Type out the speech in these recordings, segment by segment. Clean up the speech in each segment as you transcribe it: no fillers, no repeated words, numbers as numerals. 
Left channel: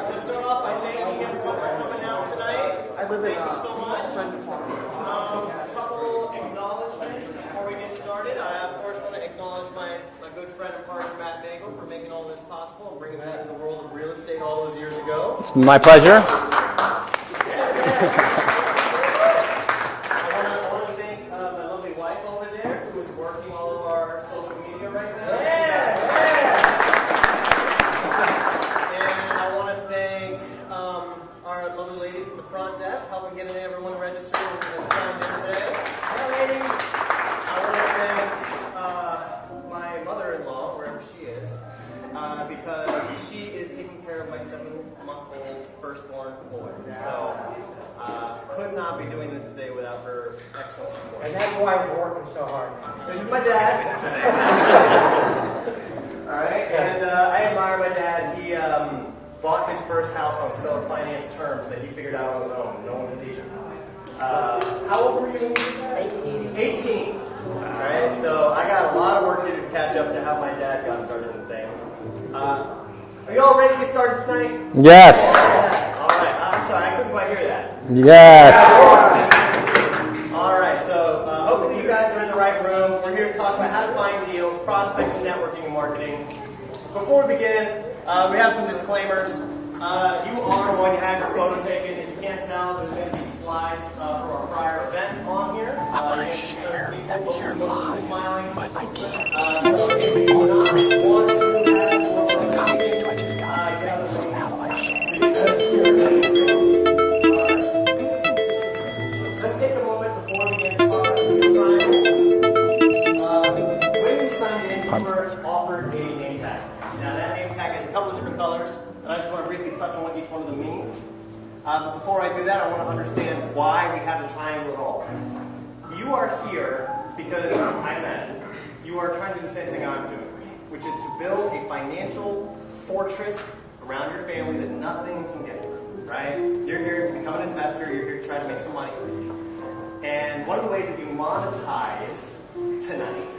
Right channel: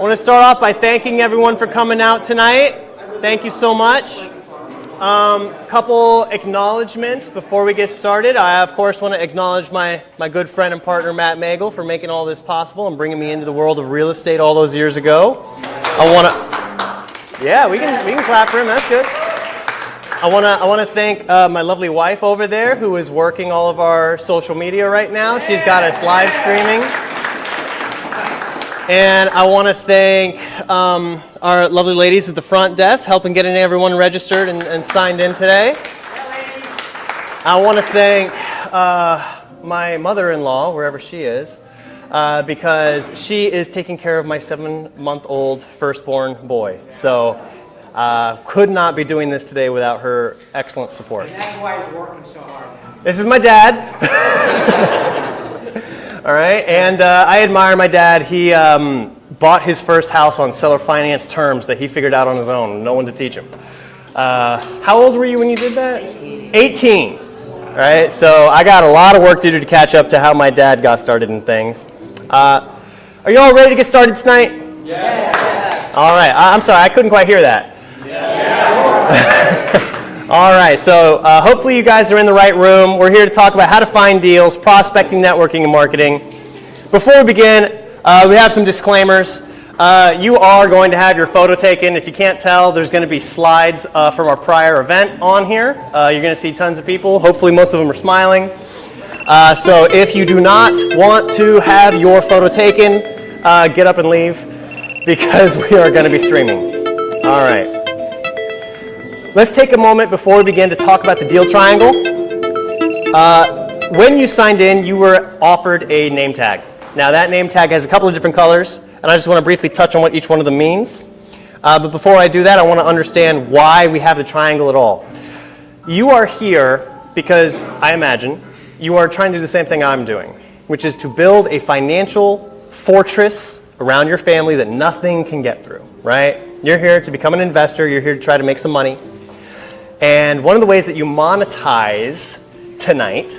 I want to start off by thanking everyone for coming out tonight. Thank you so much. Couple acknowledgments before we get started. I, of course, want to acknowledge my good friend and partner, Matt Megel, for making all this possible and bringing me into the world of real estate all those years ago. It's my pleasure. Yeah, we can clap for him. That's good. I want to thank my lovely wife over there who is working all of our social media right now. She's got us live streaming. And I want to thank our lovely ladies at the front desk helping getting everyone registered and signed in today. I want to thank my mother-in-law, wherever she is, because she is taking care of my 7-month-old firstborn boy. So could not be doing this today without her excellent support. And that's why he's working so hard. This is my dad. All right, and I admire my dad. He bought his first house on seller finance terms that he figured out on his own, no one to teach him. How old were you when you did that? 18. All right, so I got a lot of work to do to catch up to how my dad got started in things. Are you all ready to get started tonight? Yes. All right, I'm sorry, I couldn't quite hear that. Yes. All right, so hopefully you guys are in the right room. We're here to talk about how to find deals, prospecting, networking, and marketing. Before we begin, we have some disclaimers. You are going to have your photo taken. If you can't tell, there's going to be slides from our prior event on here. You're going to see tons of people. Hopefully most of them are smiling. So if you do not want to have your photo taken, get up and leave because we are going to be streaming. All right. Let's take a moment before we begin to talk about the deal triangle. When you signed in, you were offered a name tag. Now that name tag has a couple of different colors, and I just want to briefly touch on what each one of them means. But before I do that, I want to understand why we have the triangle at all. You are here because, I imagine, you are trying to do the same thing I'm doing, which is to build a financial fortress around your family that nothing can get through, right? You're here to become an investor. You're here to try to make some money. And one of the ways that you monetize tonight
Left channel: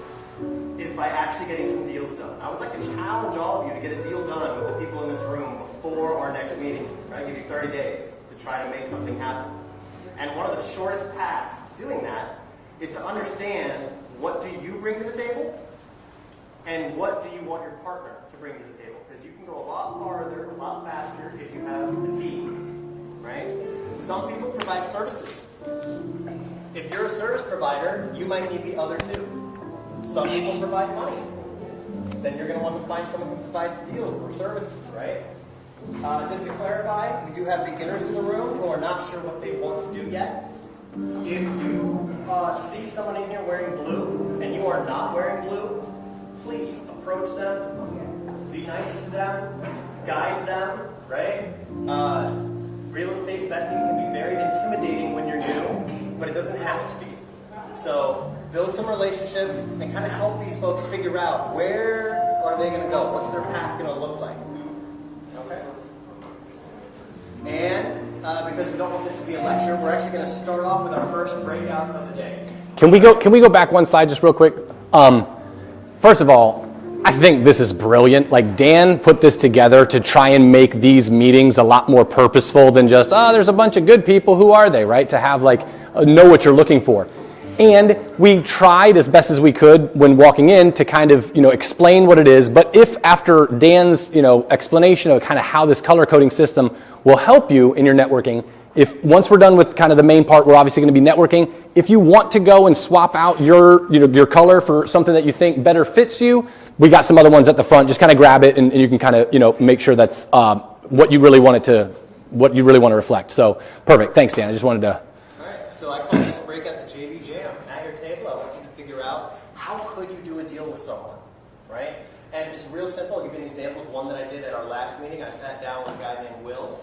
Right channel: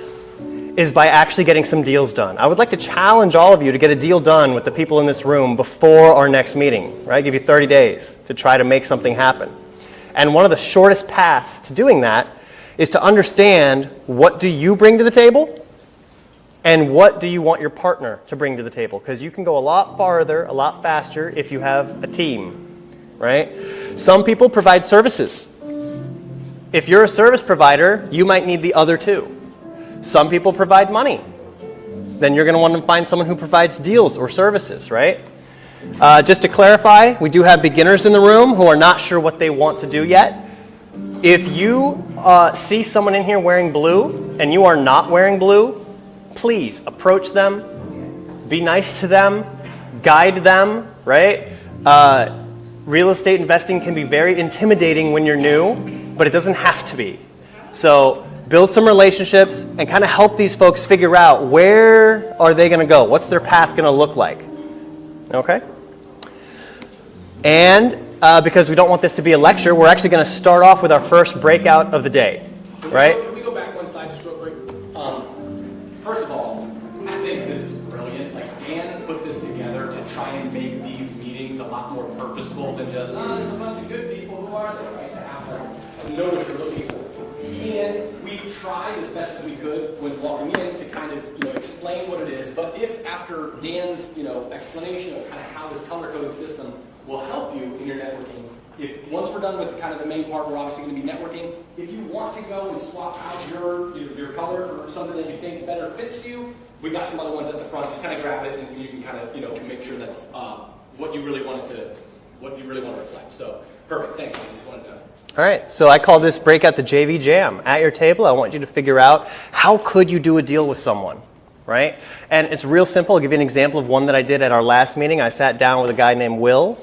is by actually getting some deals done. I would like to challenge all of you to get a deal done with the people in this room before our next meeting, right? Give you 30 days to try to make something happen. And one of the shortest paths to doing that is to understand what do you bring to the table and what do you want your partner to bring to the table? Because you can go a lot farther, a lot faster if you have a team, right? Some people provide services. If you're a service provider, you might need the other two. Some people provide money. Then you're going to want to find someone who provides deals or services, right? Just to clarify, we do have beginners in the room who are not sure what they want to do yet. If you see someone in here wearing blue and you are not wearing blue, please approach them, be nice to them, guide them, right? Real estate investing can be very intimidating when you're new, but it doesn't have to be. So build some relationships and kind of help these folks figure out where are they going to go? What's their path going to look like? Okay? And because we don't want this to be a lecture, we're actually going to start off with our first breakout of the day. Can we go back one slide just real quick? First of all, I think this is brilliant. Like Dan put this together to try and make these meetings a lot more purposeful than just, there's a bunch of good people, who are they, right? To have like, know what you're looking for. And we tried as best as we could when walking in to kind of, explain what it is. But if after Dan's, explanation of kind of how this color coding system will help you in your networking, if once we're done with kind of the main part, we're obviously going to be networking. If you want to go and swap out your color for something that you think better fits you, we got some other ones at the front. Just kind of grab it and you can kind of, make sure that's what you really want to reflect. So perfect. Thanks, Dan. I just wanted to. All right, so I call this Breakout the JV Jam. At your table, I want you to figure out how could you do a deal with someone, right? And it's real simple. I'll give you an example of one that I did at our last meeting. I sat down with a guy named Will.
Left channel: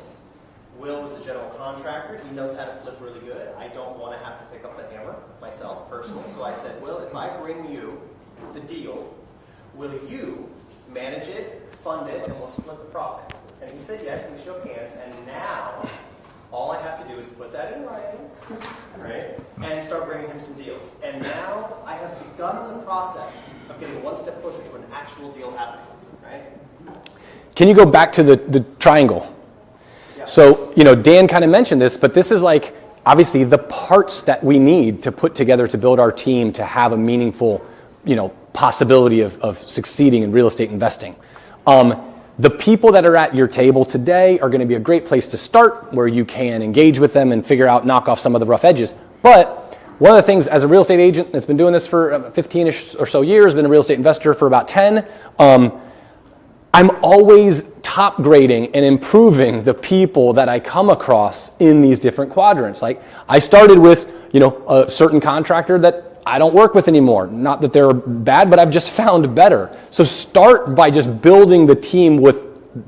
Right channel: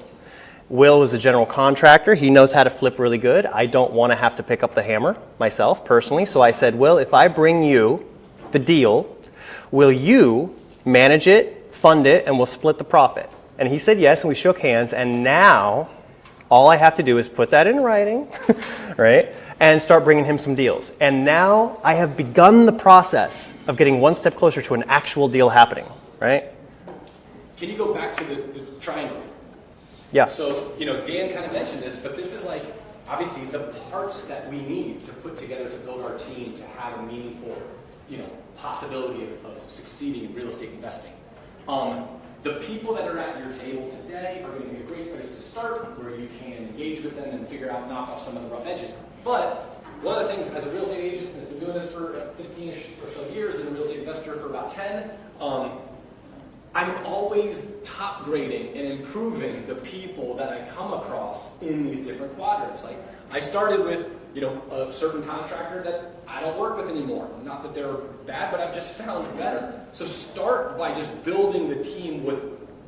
Will is a general contractor. He knows how to flip really good. I don't want to have to pick up the hammer myself personally. So I said, Will, if I bring you the deal, will you manage it, fund it, and we'll split the profit? And he said yes, and we shook hands. And now all I have to do is put that in writing, right, and start bringing him some deals. And now I have begun the process of getting one step closer to an actual deal happening, right? Can you go back to the triangle? Yeah. So, Dan kind of mentioned this, but this is like obviously the parts that we need to put together to build our team to have a meaningful, possibility of succeeding in real estate investing. The people that are at your table today are going to be a great place to start, where you can engage with them and knock off some of the rough edges. But one of the things, as a real estate agent that's been doing this for 15-ish or so years, been a real estate investor for about 10, I'm always top grading and improving the people that I come across in these different quadrants. Like, I started with, a certain contractor that I don't work with anymore. Not that they're bad, but I've just found better. So start by just building the team with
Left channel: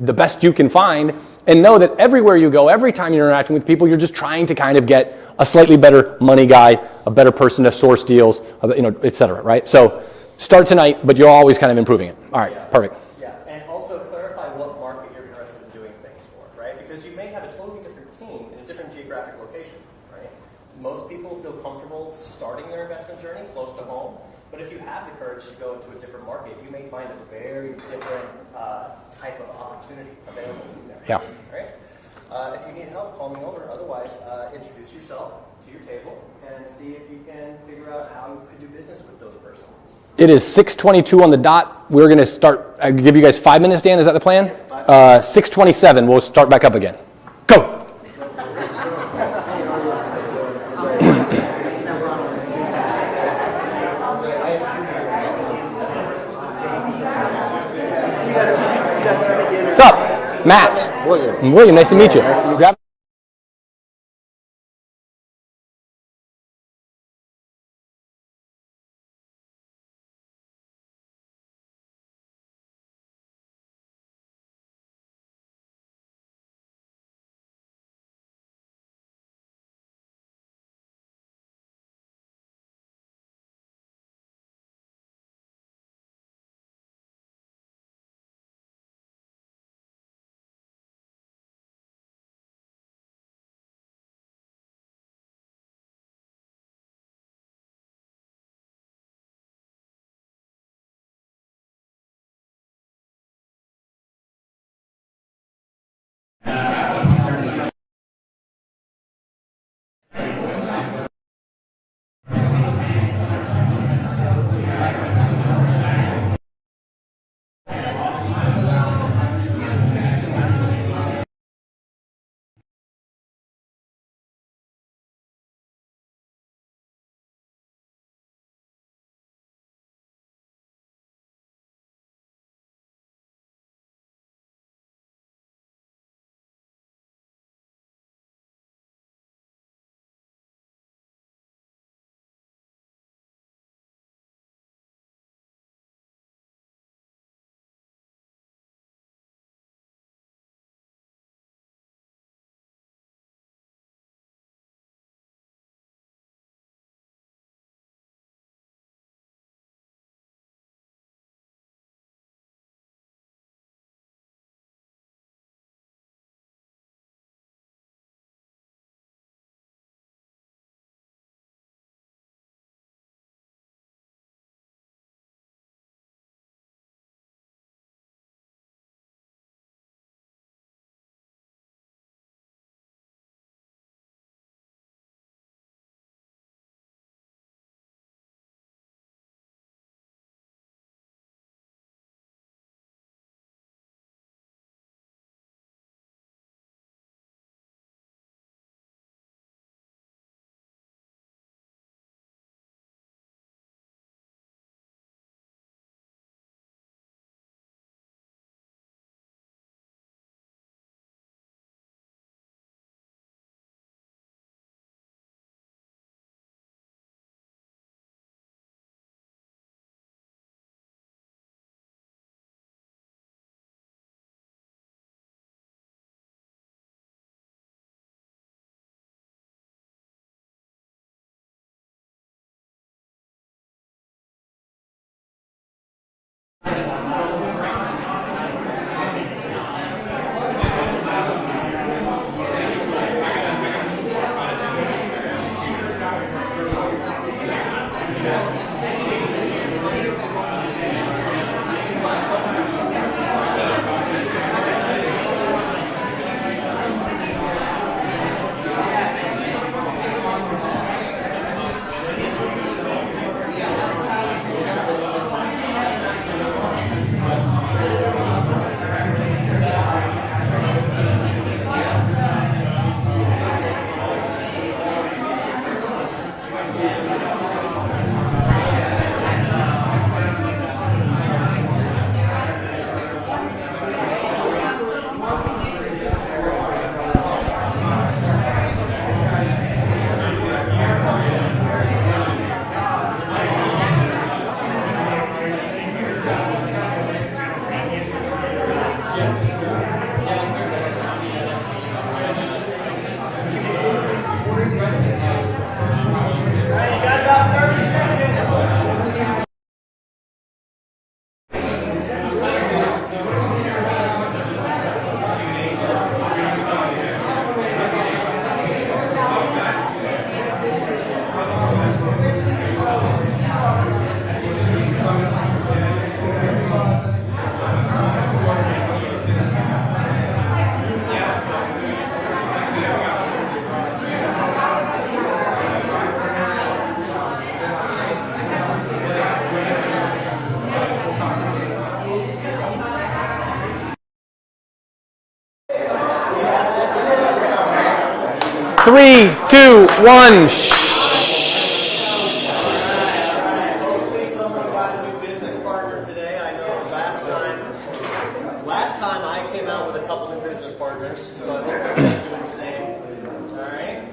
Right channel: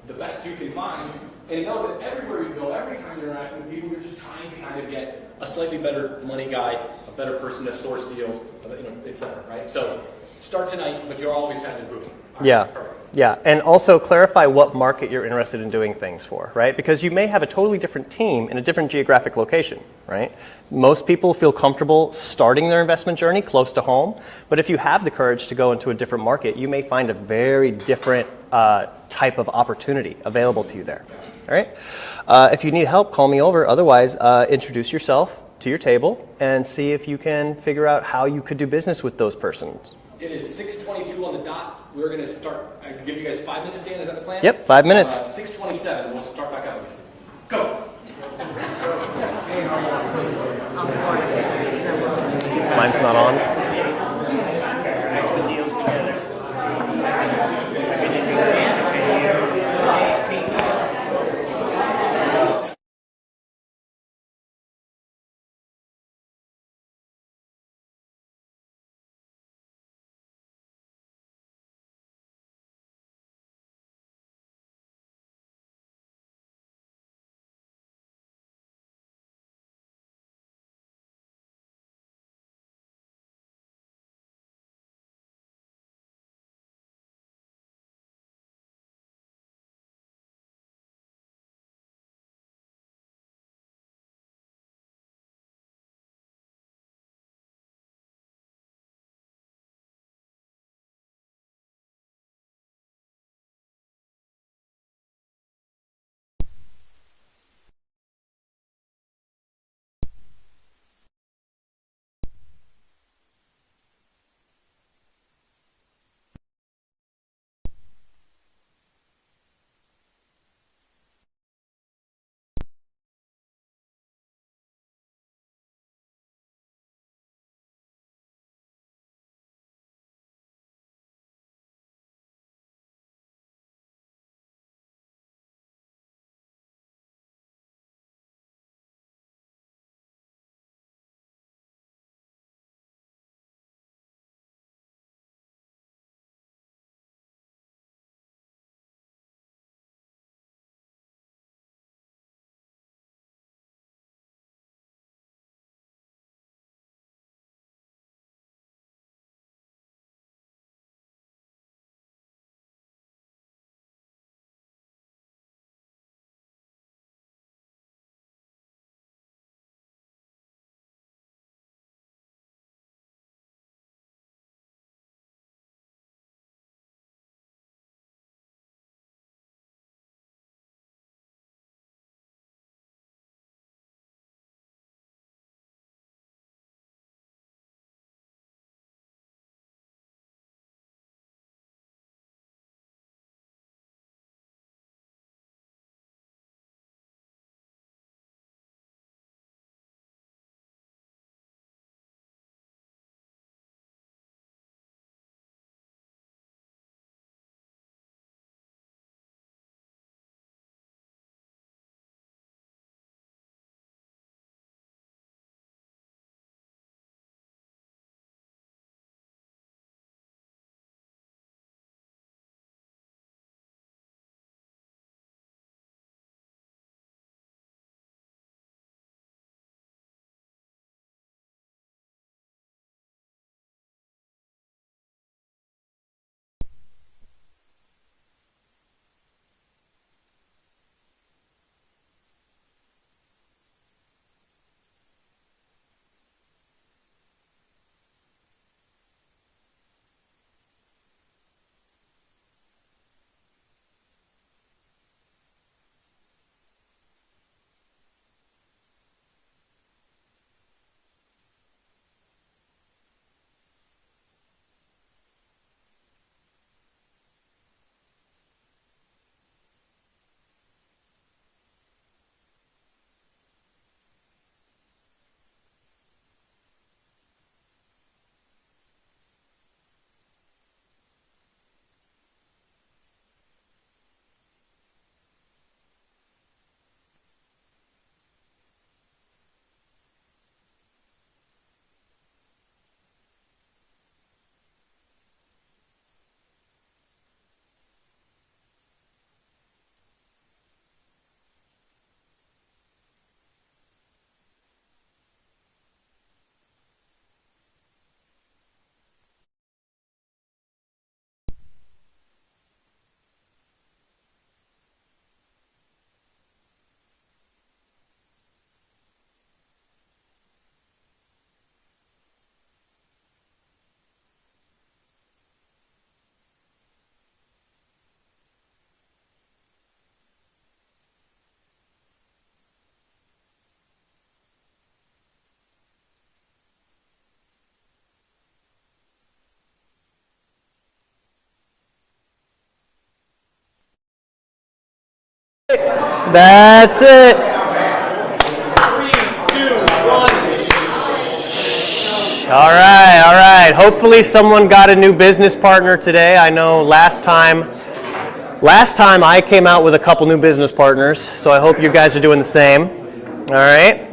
the best you can find, and know that everywhere you go, every time you're interacting with people, you're just trying to kind of get a slightly better money guy, a better person to source deals, et cetera, right? So start tonight, but you're always kind of improving it. All right, Yeah. perfect. Yeah, and also clarify what market you're interested in doing things for, right? Because you may have a totally different team in a different geographic location, right? Most people feel comfortable starting their investment journey close to home, but if you have the courage to go into a different market, you may find a very different type of opportunity available to you there. Yeah. All right? If you need help, call me over. Otherwise, introduce yourself to your table and see if you can figure out how you could do business with those persons. It is 6:22 on the dot. We're going to start. I give you guys 5 minutes, Dan. Is that the plan? Yep, 5 minutes. 6:27. We'll start back up again. Go. Mine's not on. What's up, Matt? William. Nice to meet you. Grab That's it. 3, 2, 1. All right, all right. Hopefully someone got a new business partner today. I know last time I came out with a couple new business partners, so I hope you guys are doing the same. All right.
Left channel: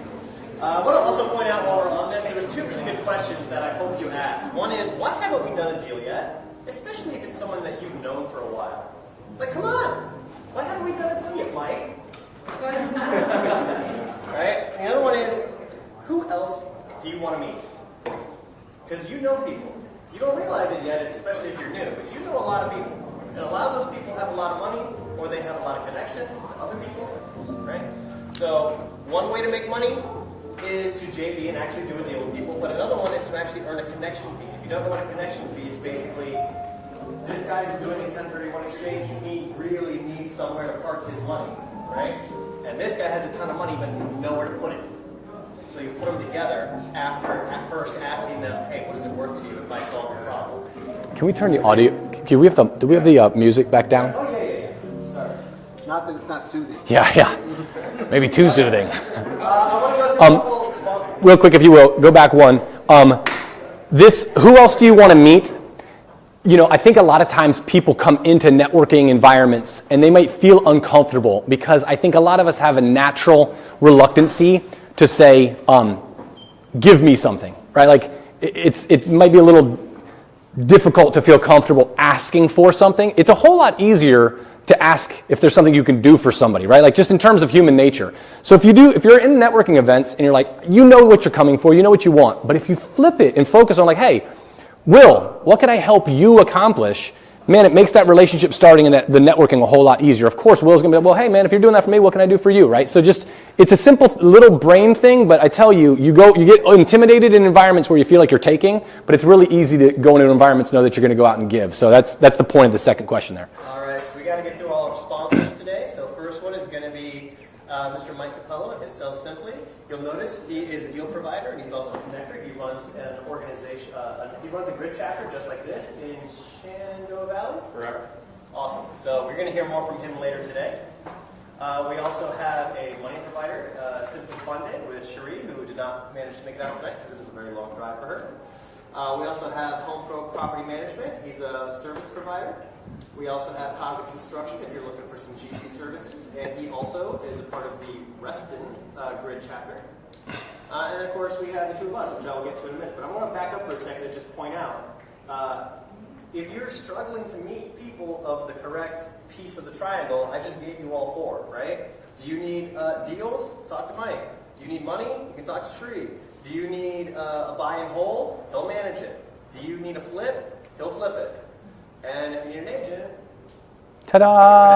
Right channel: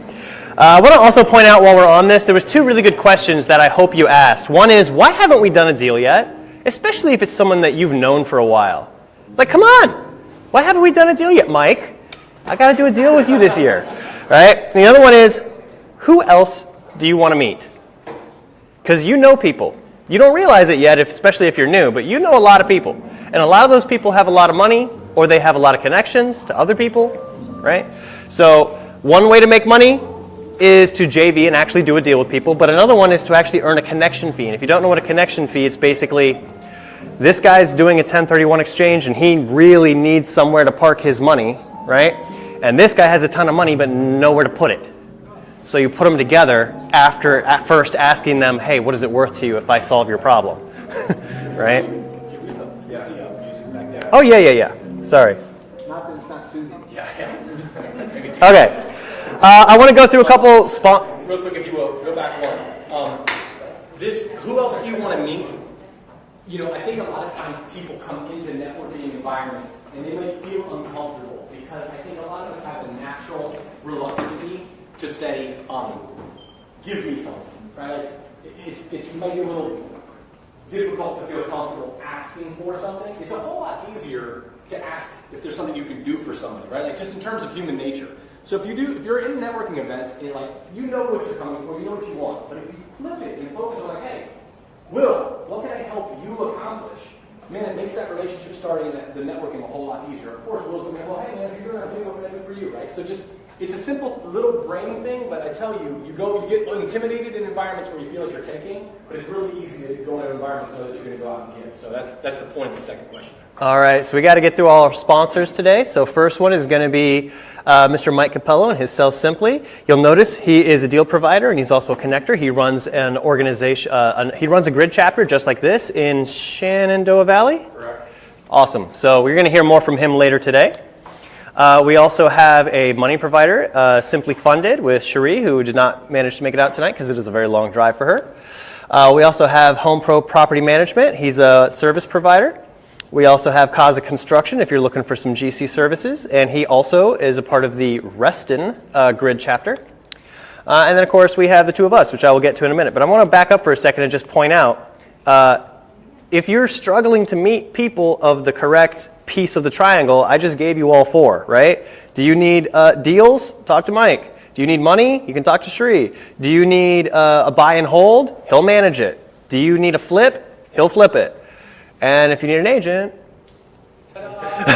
I want to also point out while we're on this, there was 2 really good questions that I hope you asked. One is, why haven't we done a deal yet? Especially if it's someone that you've known for a while. Like, come on. Why haven't we done a deal yet, Mike? I got to do a deal with you this year. Right? And the other one is, who else do you want to meet? Because you know people. You don't realize it yet, especially if you're new, but you know a lot of people. And a lot of those people have a lot of money, or they have a lot of connections to other people, right? So one way to make money is to JV and actually do a deal with people, but another one is to actually earn a connection fee. And if you don't know what a connection fee, it's basically this guy's doing a 1031 exchange and he really needs somewhere to park his money, right? And this guy has a ton of money but nowhere to put it. So you put them together after at first asking them, hey, what is it worth to you if I solve your problem? Can we turn the Right? audio? Do we have the music back down? Oh, yeah. Sorry. Not that it's not soothing. Yeah. Maybe too Okay. soothing. I want to go through a couple Real quick, if you will, go back one. Who else do you want to meet? You know, I think a lot of times people come into networking environments and they might feel uncomfortable because I think a lot of us have a natural reluctancy to say, give me something, right? Like it might be a little difficult to feel comfortable asking for something. It's a whole lot easier to ask if there's something you can do for somebody, right? Like just in terms of human nature. So if you're in networking events and you're like, you know what you're coming for, you know what you want, but if you flip it and focus on like, hey, Will, what can I help you accomplish? Man, it makes that relationship starting and the networking a whole lot easier. Of course, Will's gonna be like, well, hey man, if you're doing that for me, what can I do for you, right? So just, it's a simple little brain thing, but I tell you, you get intimidated in environments where you feel like you're taking, but it's really easy to go into environments and know that you're gonna go out and give. So that's the point of the second question there. All right, so we got to get through all our sponsors today. So first one is going to be Mr. Mike Capello and his Sell Simply. You'll notice he is a deal provider and he's also a connector. He runs an organization, he runs a grid chapter just like this in Shenandoah Valley. Correct. Awesome. So we're going to hear more from him later today. We also have a money provider, Simply Funded, with Cherie, who did not manage to make it out tonight because it is a very long drive for her. We also have Home Pro Property Management. He's a service provider. We also have Kaza Construction if you're looking for some GC services, and he also is a part of the Reston grid chapter. And then, of course, we have the two of us, which I will get to in a minute. But I want to back up for a second and just point out, if you're struggling to meet people of the correct piece of the triangle, I just gave you all 4, right? Do you need deals? Talk to Mike. Do you need money? You can talk to Sri. Do you need a buy and hold? He'll manage it. Do you need a flip? He'll flip it. And if you need an agent, ta-da!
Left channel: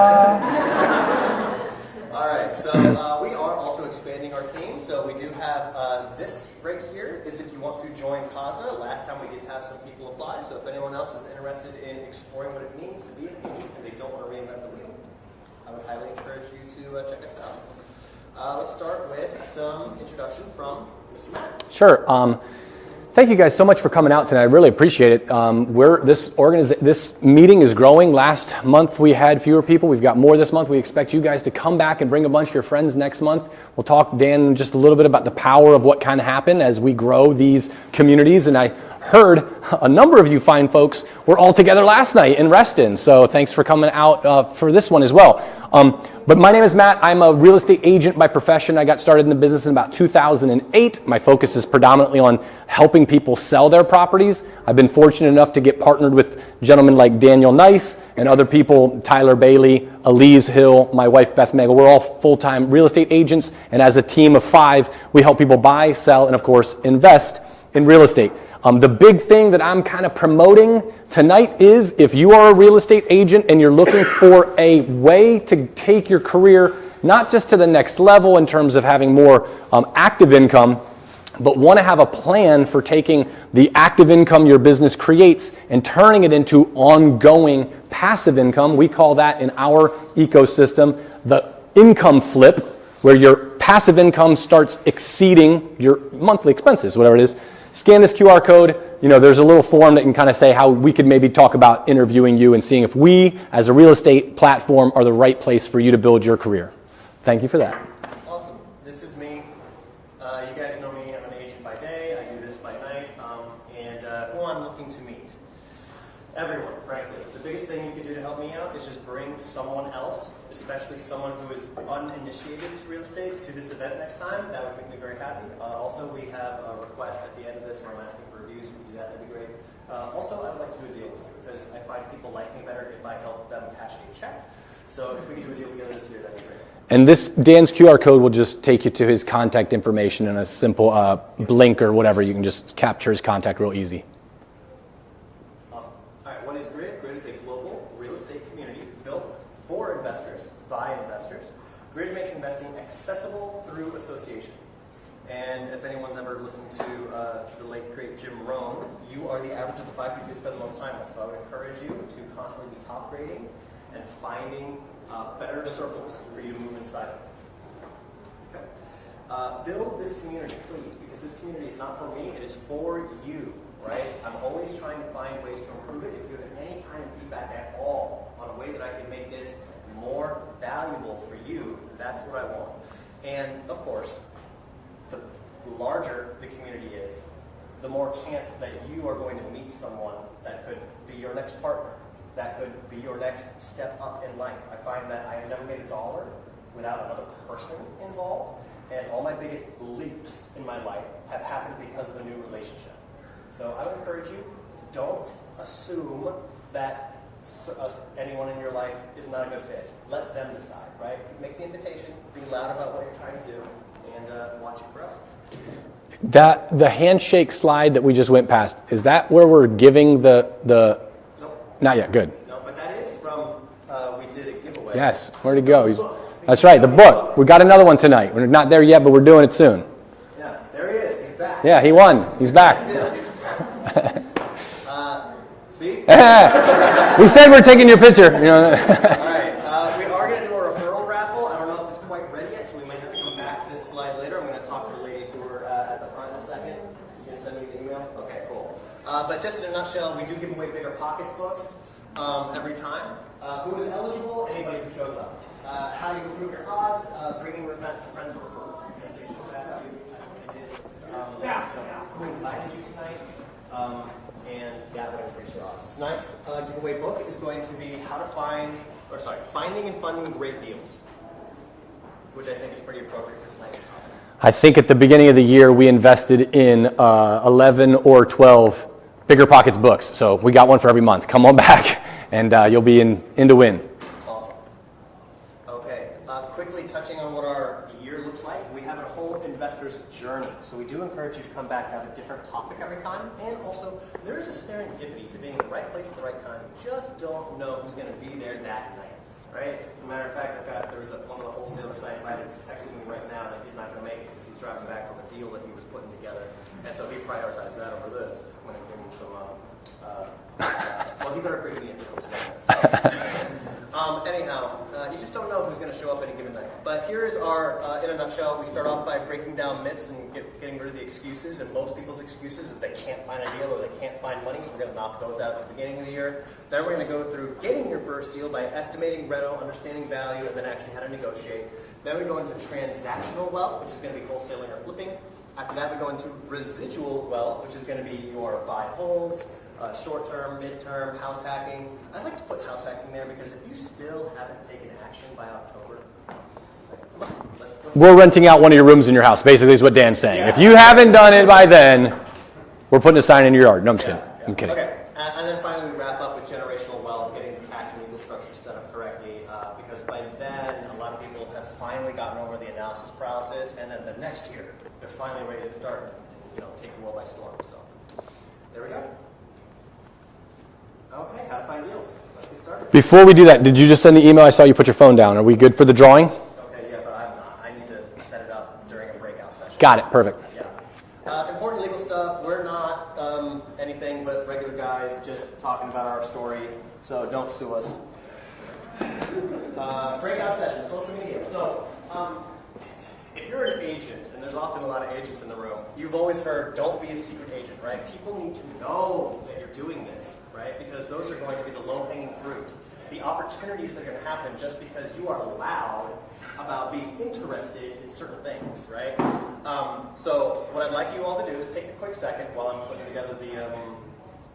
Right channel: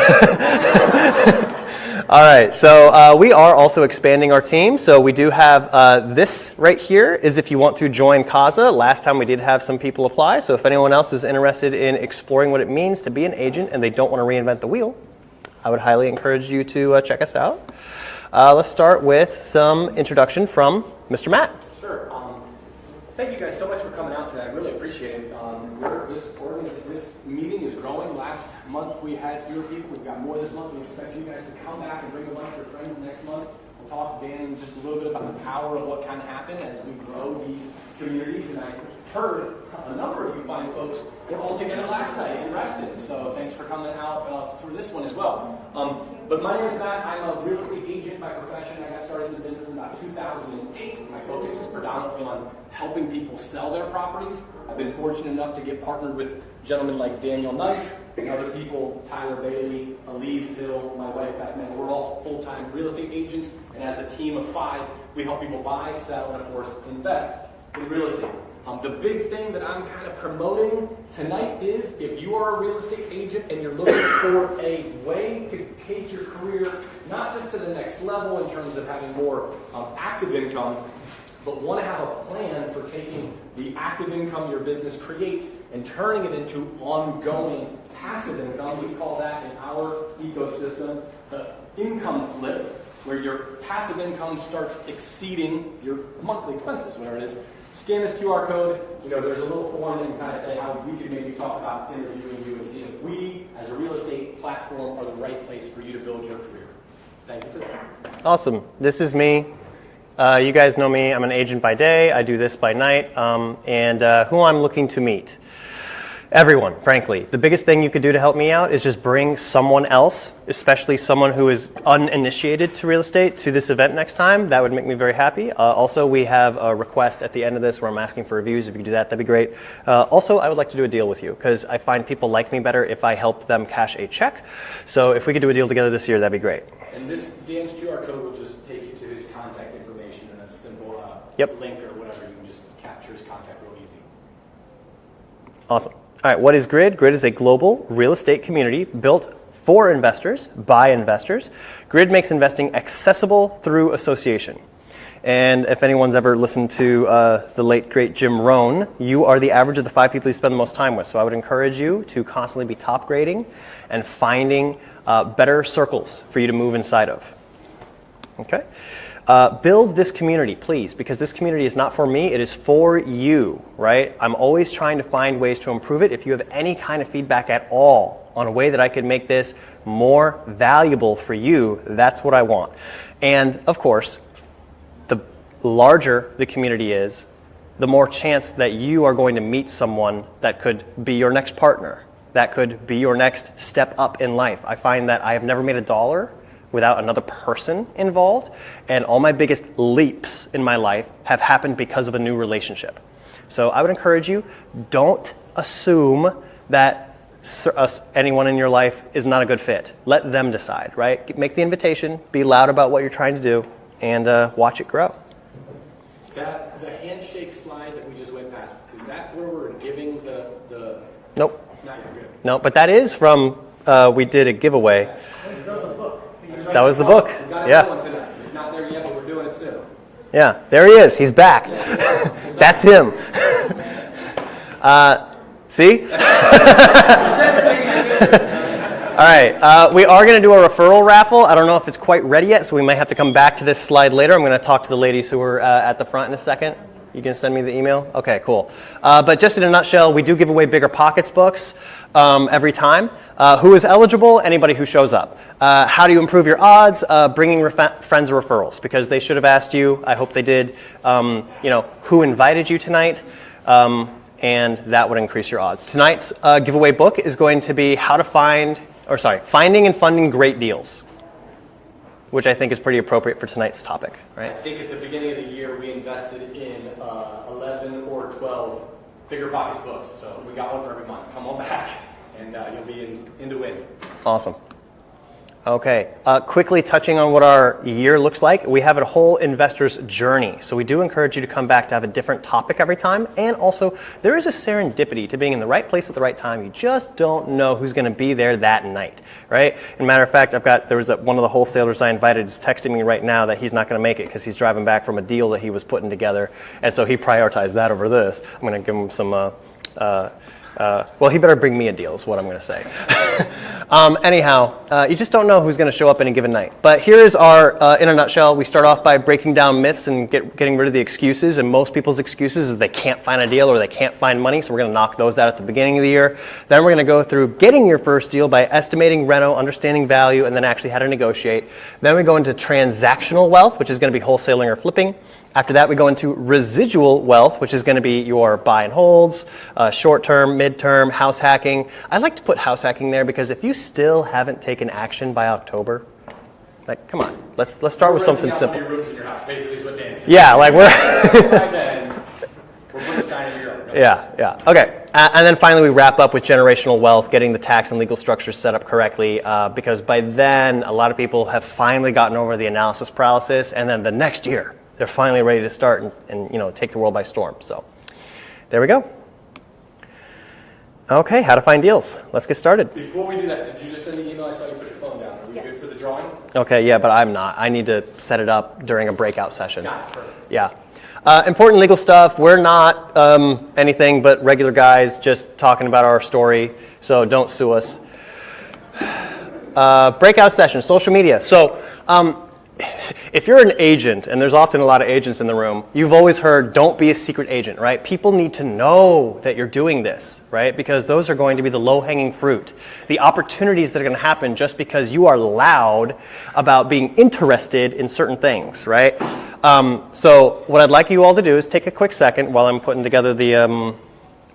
All right, so we are also expanding our team. So we do have this right here is if you want to join Kaza. Last time we did have some people apply. So if anyone else is interested in exploring what it means to be an agent and they don't want to reinvent the wheel, I would highly encourage you to check us out. Let's start with some introduction from Mr. Matt. Sure. Thank you guys so much for coming out tonight. I really appreciate it. This meeting is growing. Last month we had fewer people. We've got more this month. We expect you guys to come back and bring a bunch of your friends next month. We'll talk, Dan, just a little bit about the power of what can happen as we grow these communities. And I heard a number of you fine folks were all together last night in Reston. So thanks for coming out for this one as well. But my name is Matt. I'm a real estate agent by profession. I got started in the business in about 2008. My focus is predominantly on helping people sell their properties. I've been fortunate enough to get partnered with gentlemen like Daniel Nice and other people, Tyler Bailey, Elise Hill, my wife Beth Megel. We're all full-time real estate agents, and as a team of 5, we help people buy, sell, and of course, invest in real estate. The big thing that I'm kind of promoting tonight is if you are a real estate agent and you're looking for a way to take your career not just to the next level in terms of having more active income, but want to have a plan for taking the active income your business creates and turning it into ongoing passive income. We call that in our ecosystem the income flip, where your passive income starts exceeding your monthly expenses, whatever it is. Scan this QR code. You know, there's a little form that can kind of say how we could maybe talk about interviewing you and seeing if we, as a real estate platform, are the right place for you to build your career. Thank you for that. Awesome. This is me. You guys know me. I'm an agent by day. I do this by night. And who I'm looking to meet. Everyone, frankly. The biggest thing you could do to help me out is just bring someone else, especially someone who is uninitiated to real estate, to this event next time. That would make me very happy. Also, we have a request at the end of this where I'm asking for reviews. If you could do that, that'd be great. Also, I would like to do a deal with you because I find people like me better if I help them cash a check. So if we could do a deal together this year, that'd be great. And this, Dan's QR code will just take you to his contact information in a simple link or whatever. You can just capture his contact real easy. Awesome. All right, what is Grid? Grid is a global real estate community built for investors, by investors. Grid makes investing accessible through association. And if anyone's ever listened to the late, great Jim Rohn, you are the average of the 5 people you spend the most time with. So I would encourage you to constantly be top grading and finding better circles for you to move inside of. Okay? Build this community, please, because this community is not for me, it is for you, right? I'm always trying to find ways to improve it. If you have any kind of feedback at all on a way that I could make this more valuable for you, that's what I want. And of course, the larger the community is, the more chance that you are going to meet someone that could be your next partner, that could be your next step up in life. I find that I have never made a dollar without another person involved, and all my biggest leaps in my life have happened because of a new relationship. So I would encourage you, don't assume that anyone in your life is not a good fit. Let them decide, right? Make the invitation, be loud about what you're trying to do, and watch it grow. The handshake slide that we just went past, is that where we're giving the Nope. Not yet, good. No, but that is from, we did a giveaway. Yes, where'd it go? That's right, That the was book. the book. We got another Yeah. one tonight. We're not there yet, but we're doing it soon. Yeah, there he is. He's back. Yeah, he won. He's back. That's him. See? We said we're taking your picture. You know. All right. We are going to do a referral raffle. I don't know if it's quite ready yet, so we might have to come back to this slide later. I'm going to talk to the ladies who are at the front in a second. You can send me the email? Okay, cool. But just in a nutshell, we do give away Bigger Pockets books every time. Who is eligible? Anybody who shows up. How do you improve your odds? Bringing friends or referrals, because they should have asked you. I hope they did. Who invited you tonight? And that would increase your odds. Tonight's giveaway book is going to be Finding and Funding Great Deals, which I think is pretty appropriate for tonight's topic. Right? I think at the beginning of the year, we invested in 11 or 12 Bigger Pockets books. So we got one for every month. Come on back, and you'll be in to win. Awesome. Okay, quickly touching on what our year looks like, we have a whole investor's journey. So we do encourage you to come back to have a different topic every time. And also, there is a serendipity to being in the right place at the right time. You just don't know who's going to be there that night, right? As a matter of fact, there was one of the wholesalers I invited is texting me right now that he's not going to make it because he's driving back from a deal that he was putting together. And so he prioritized that over this. I'm going to give him some... well, he better bring me a deal is what I'm going to say. Anyhow, you just don't know who's going to show up any given night. But here is our, in a nutshell, we start off by breaking down myths and getting rid of the excuses. And most people's excuses is they can't find a deal or they can't find money. So we're going to knock those out at the beginning of the year. Then we're going to go through getting your first deal by estimating reno, understanding value, and then actually how to negotiate. Then we go into transactional wealth, which is going to be wholesaling or flipping. After that, we go into residual wealth, which is going to be your buy and holds, short-term, mid-term, house hacking. I like to put house hacking there because if you still haven't taken action by October, like, come on, let's start We're with renting out something one of your rooms in your house, basically is what Dan's saying. Yeah, if you haven't done it by then, we're putting a sign in your yard. No, I'm just kidding. Okay. And then finally, we wrap up with generational wealth, getting the tax and legal structures set up correctly, because by then, a lot of people have finally gotten over the analysis paralysis, and then the next year, they're finally ready to start and take the world by storm. So there we go. Okay, how to find deals. Let's get started. Before we do that, did you just send the email? I saw you put your phone down. Are we good for the drawing? Okay, yeah, but I'm not. I need to set it up during a breakout session. Got it, perfect. Yeah. Important legal stuff. We're not anything but regular guys just talking about our story, so don't sue us. Breakout session, social media. So If you're an agent, and there's often a lot of agents in the room, you've always heard, don't be a secret agent, right? People need to know that you're doing this, right? Because those are going to be the low-hanging fruit. The opportunities that are going to happen just because you are loud about being interested in certain things, right? So what I'd like you all to do is take a quick second while I'm putting together the,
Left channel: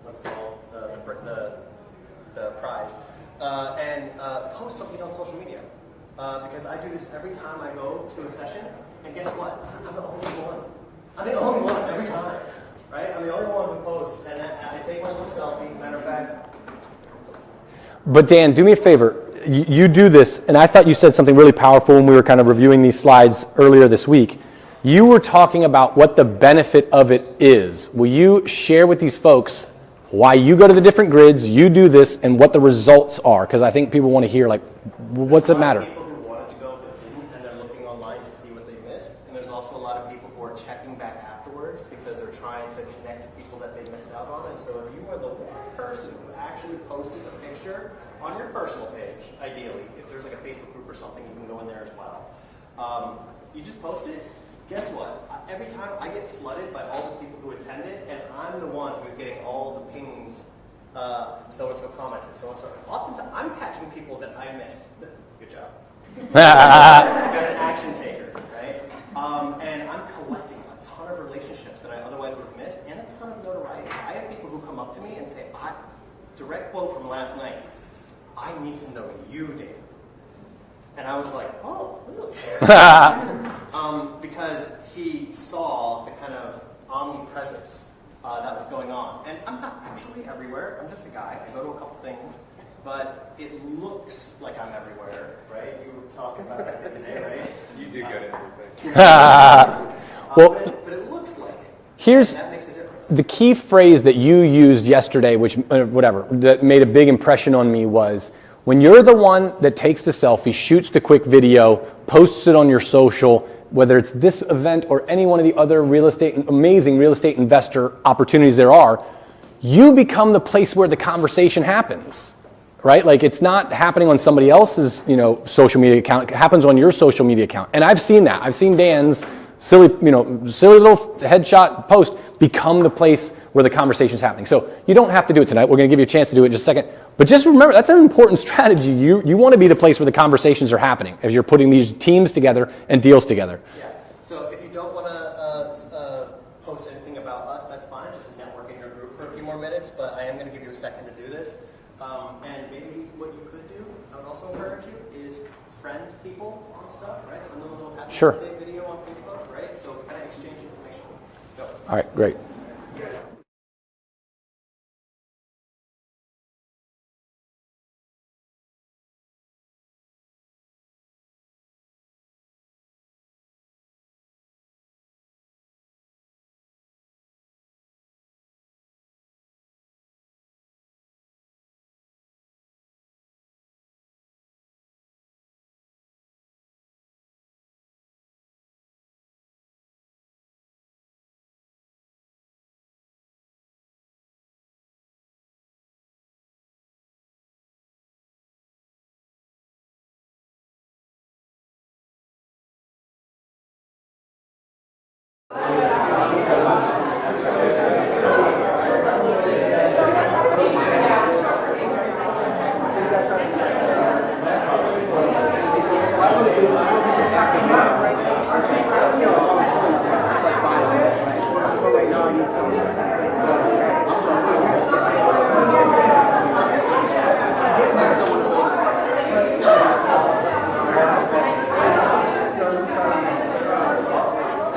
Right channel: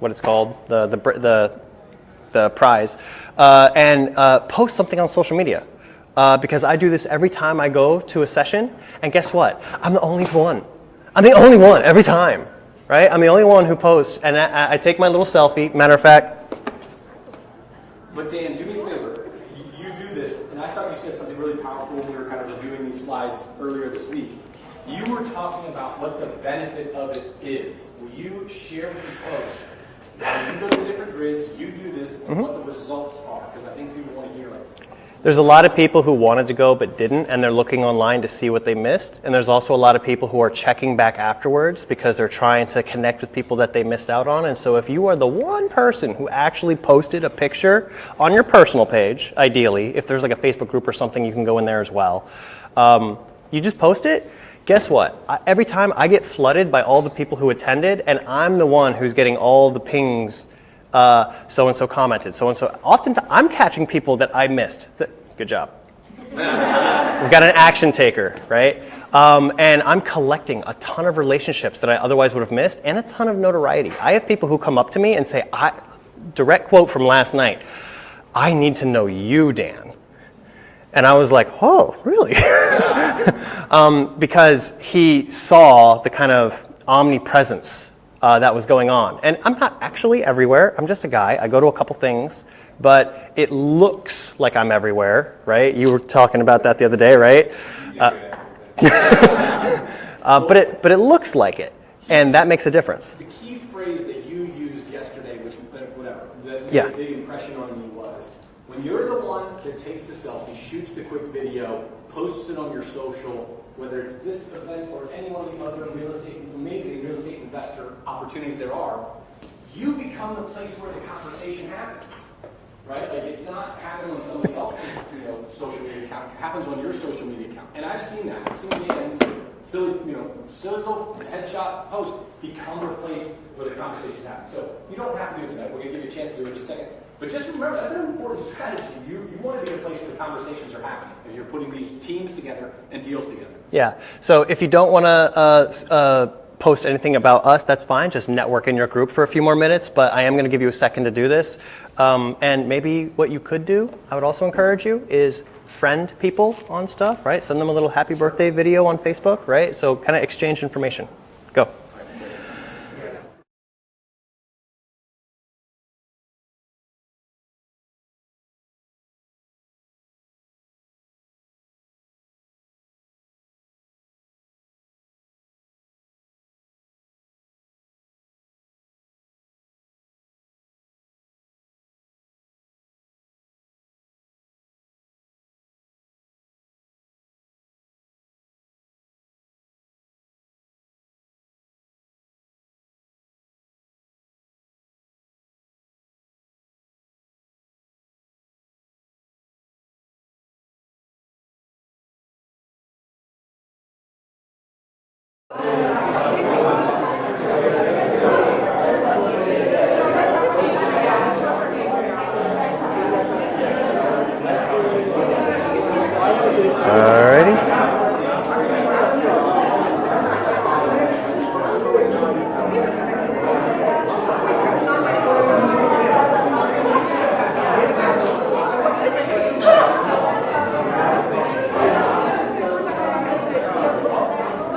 what it's called, the prize, and post something on social media. Because I do this every time I go to a session, and guess what? I'm the only one. I'm the only one every time, right? I'm the only one who posts, and I take my little selfie. Matter of fact. But Dan, do me a favor. You do this, and I thought you said something really powerful when we were kind of reviewing these slides earlier this week. You were talking about what the benefit of it is. Will you share with these folks why you go to the different grids, you do this, and what the results are? Because I think people want to hear, like, there's a lot of people who wanted to go but didn't, and they're looking online to see what they missed. And there's also a lot of people who are checking back afterwards because they're trying to connect with people that they missed out on. And so if you are the one person who actually posted a picture on your personal page, ideally, if there's like a Facebook group or something, you can go in there as well. You just post it. Guess what? Every time I get flooded by all the people who attended, and I'm the one who's getting all the pings. So-and-so commented, so-and-so. Oftentimes, I'm catching people that I missed. Good job. We've got an action taker, right? And I'm collecting a ton of relationships that I otherwise would have missed, and a ton of notoriety. I have people who come up to me and say, direct quote from last night, I need to know you, Dan. And I was like, oh, really? Because he saw the kind of omnipresence that was going on. And I'm not actually everywhere. I'm just a guy. I go to a couple things, but it looks like I'm everywhere, right? You were talking about that the other day, right? But it looks like it, and that makes a difference. The key phrase that you used yesterday, which that made a big impression on me was, when you're the one that takes the selfie, shoots the quick video, posts it on your social, whether it's this event or any one of the other amazing real estate investor opportunities there are, you become the place where the conversation happens, right? Like, it's not happening on somebody else's, social media account. It happens on your social media account. And I've seen that. I've seen Dan's silly little headshot post become the place where the conversation's happening. So you don't have to do it tonight. We're going to give you a chance to do it in just a second. But just remember, that's an important strategy. You want to be the place where the conversations are happening as you're putting these teams together and deals together. Yeah. So if you don't want to post anything about us, that's fine. Just network in your group for a few more minutes. But I am going to give you a second to do this. And maybe what you could do, I would also encourage you, is friend people on stuff, right? Send them a little happy birthday video on Facebook, right? So kind of exchange information. Go. All right, great.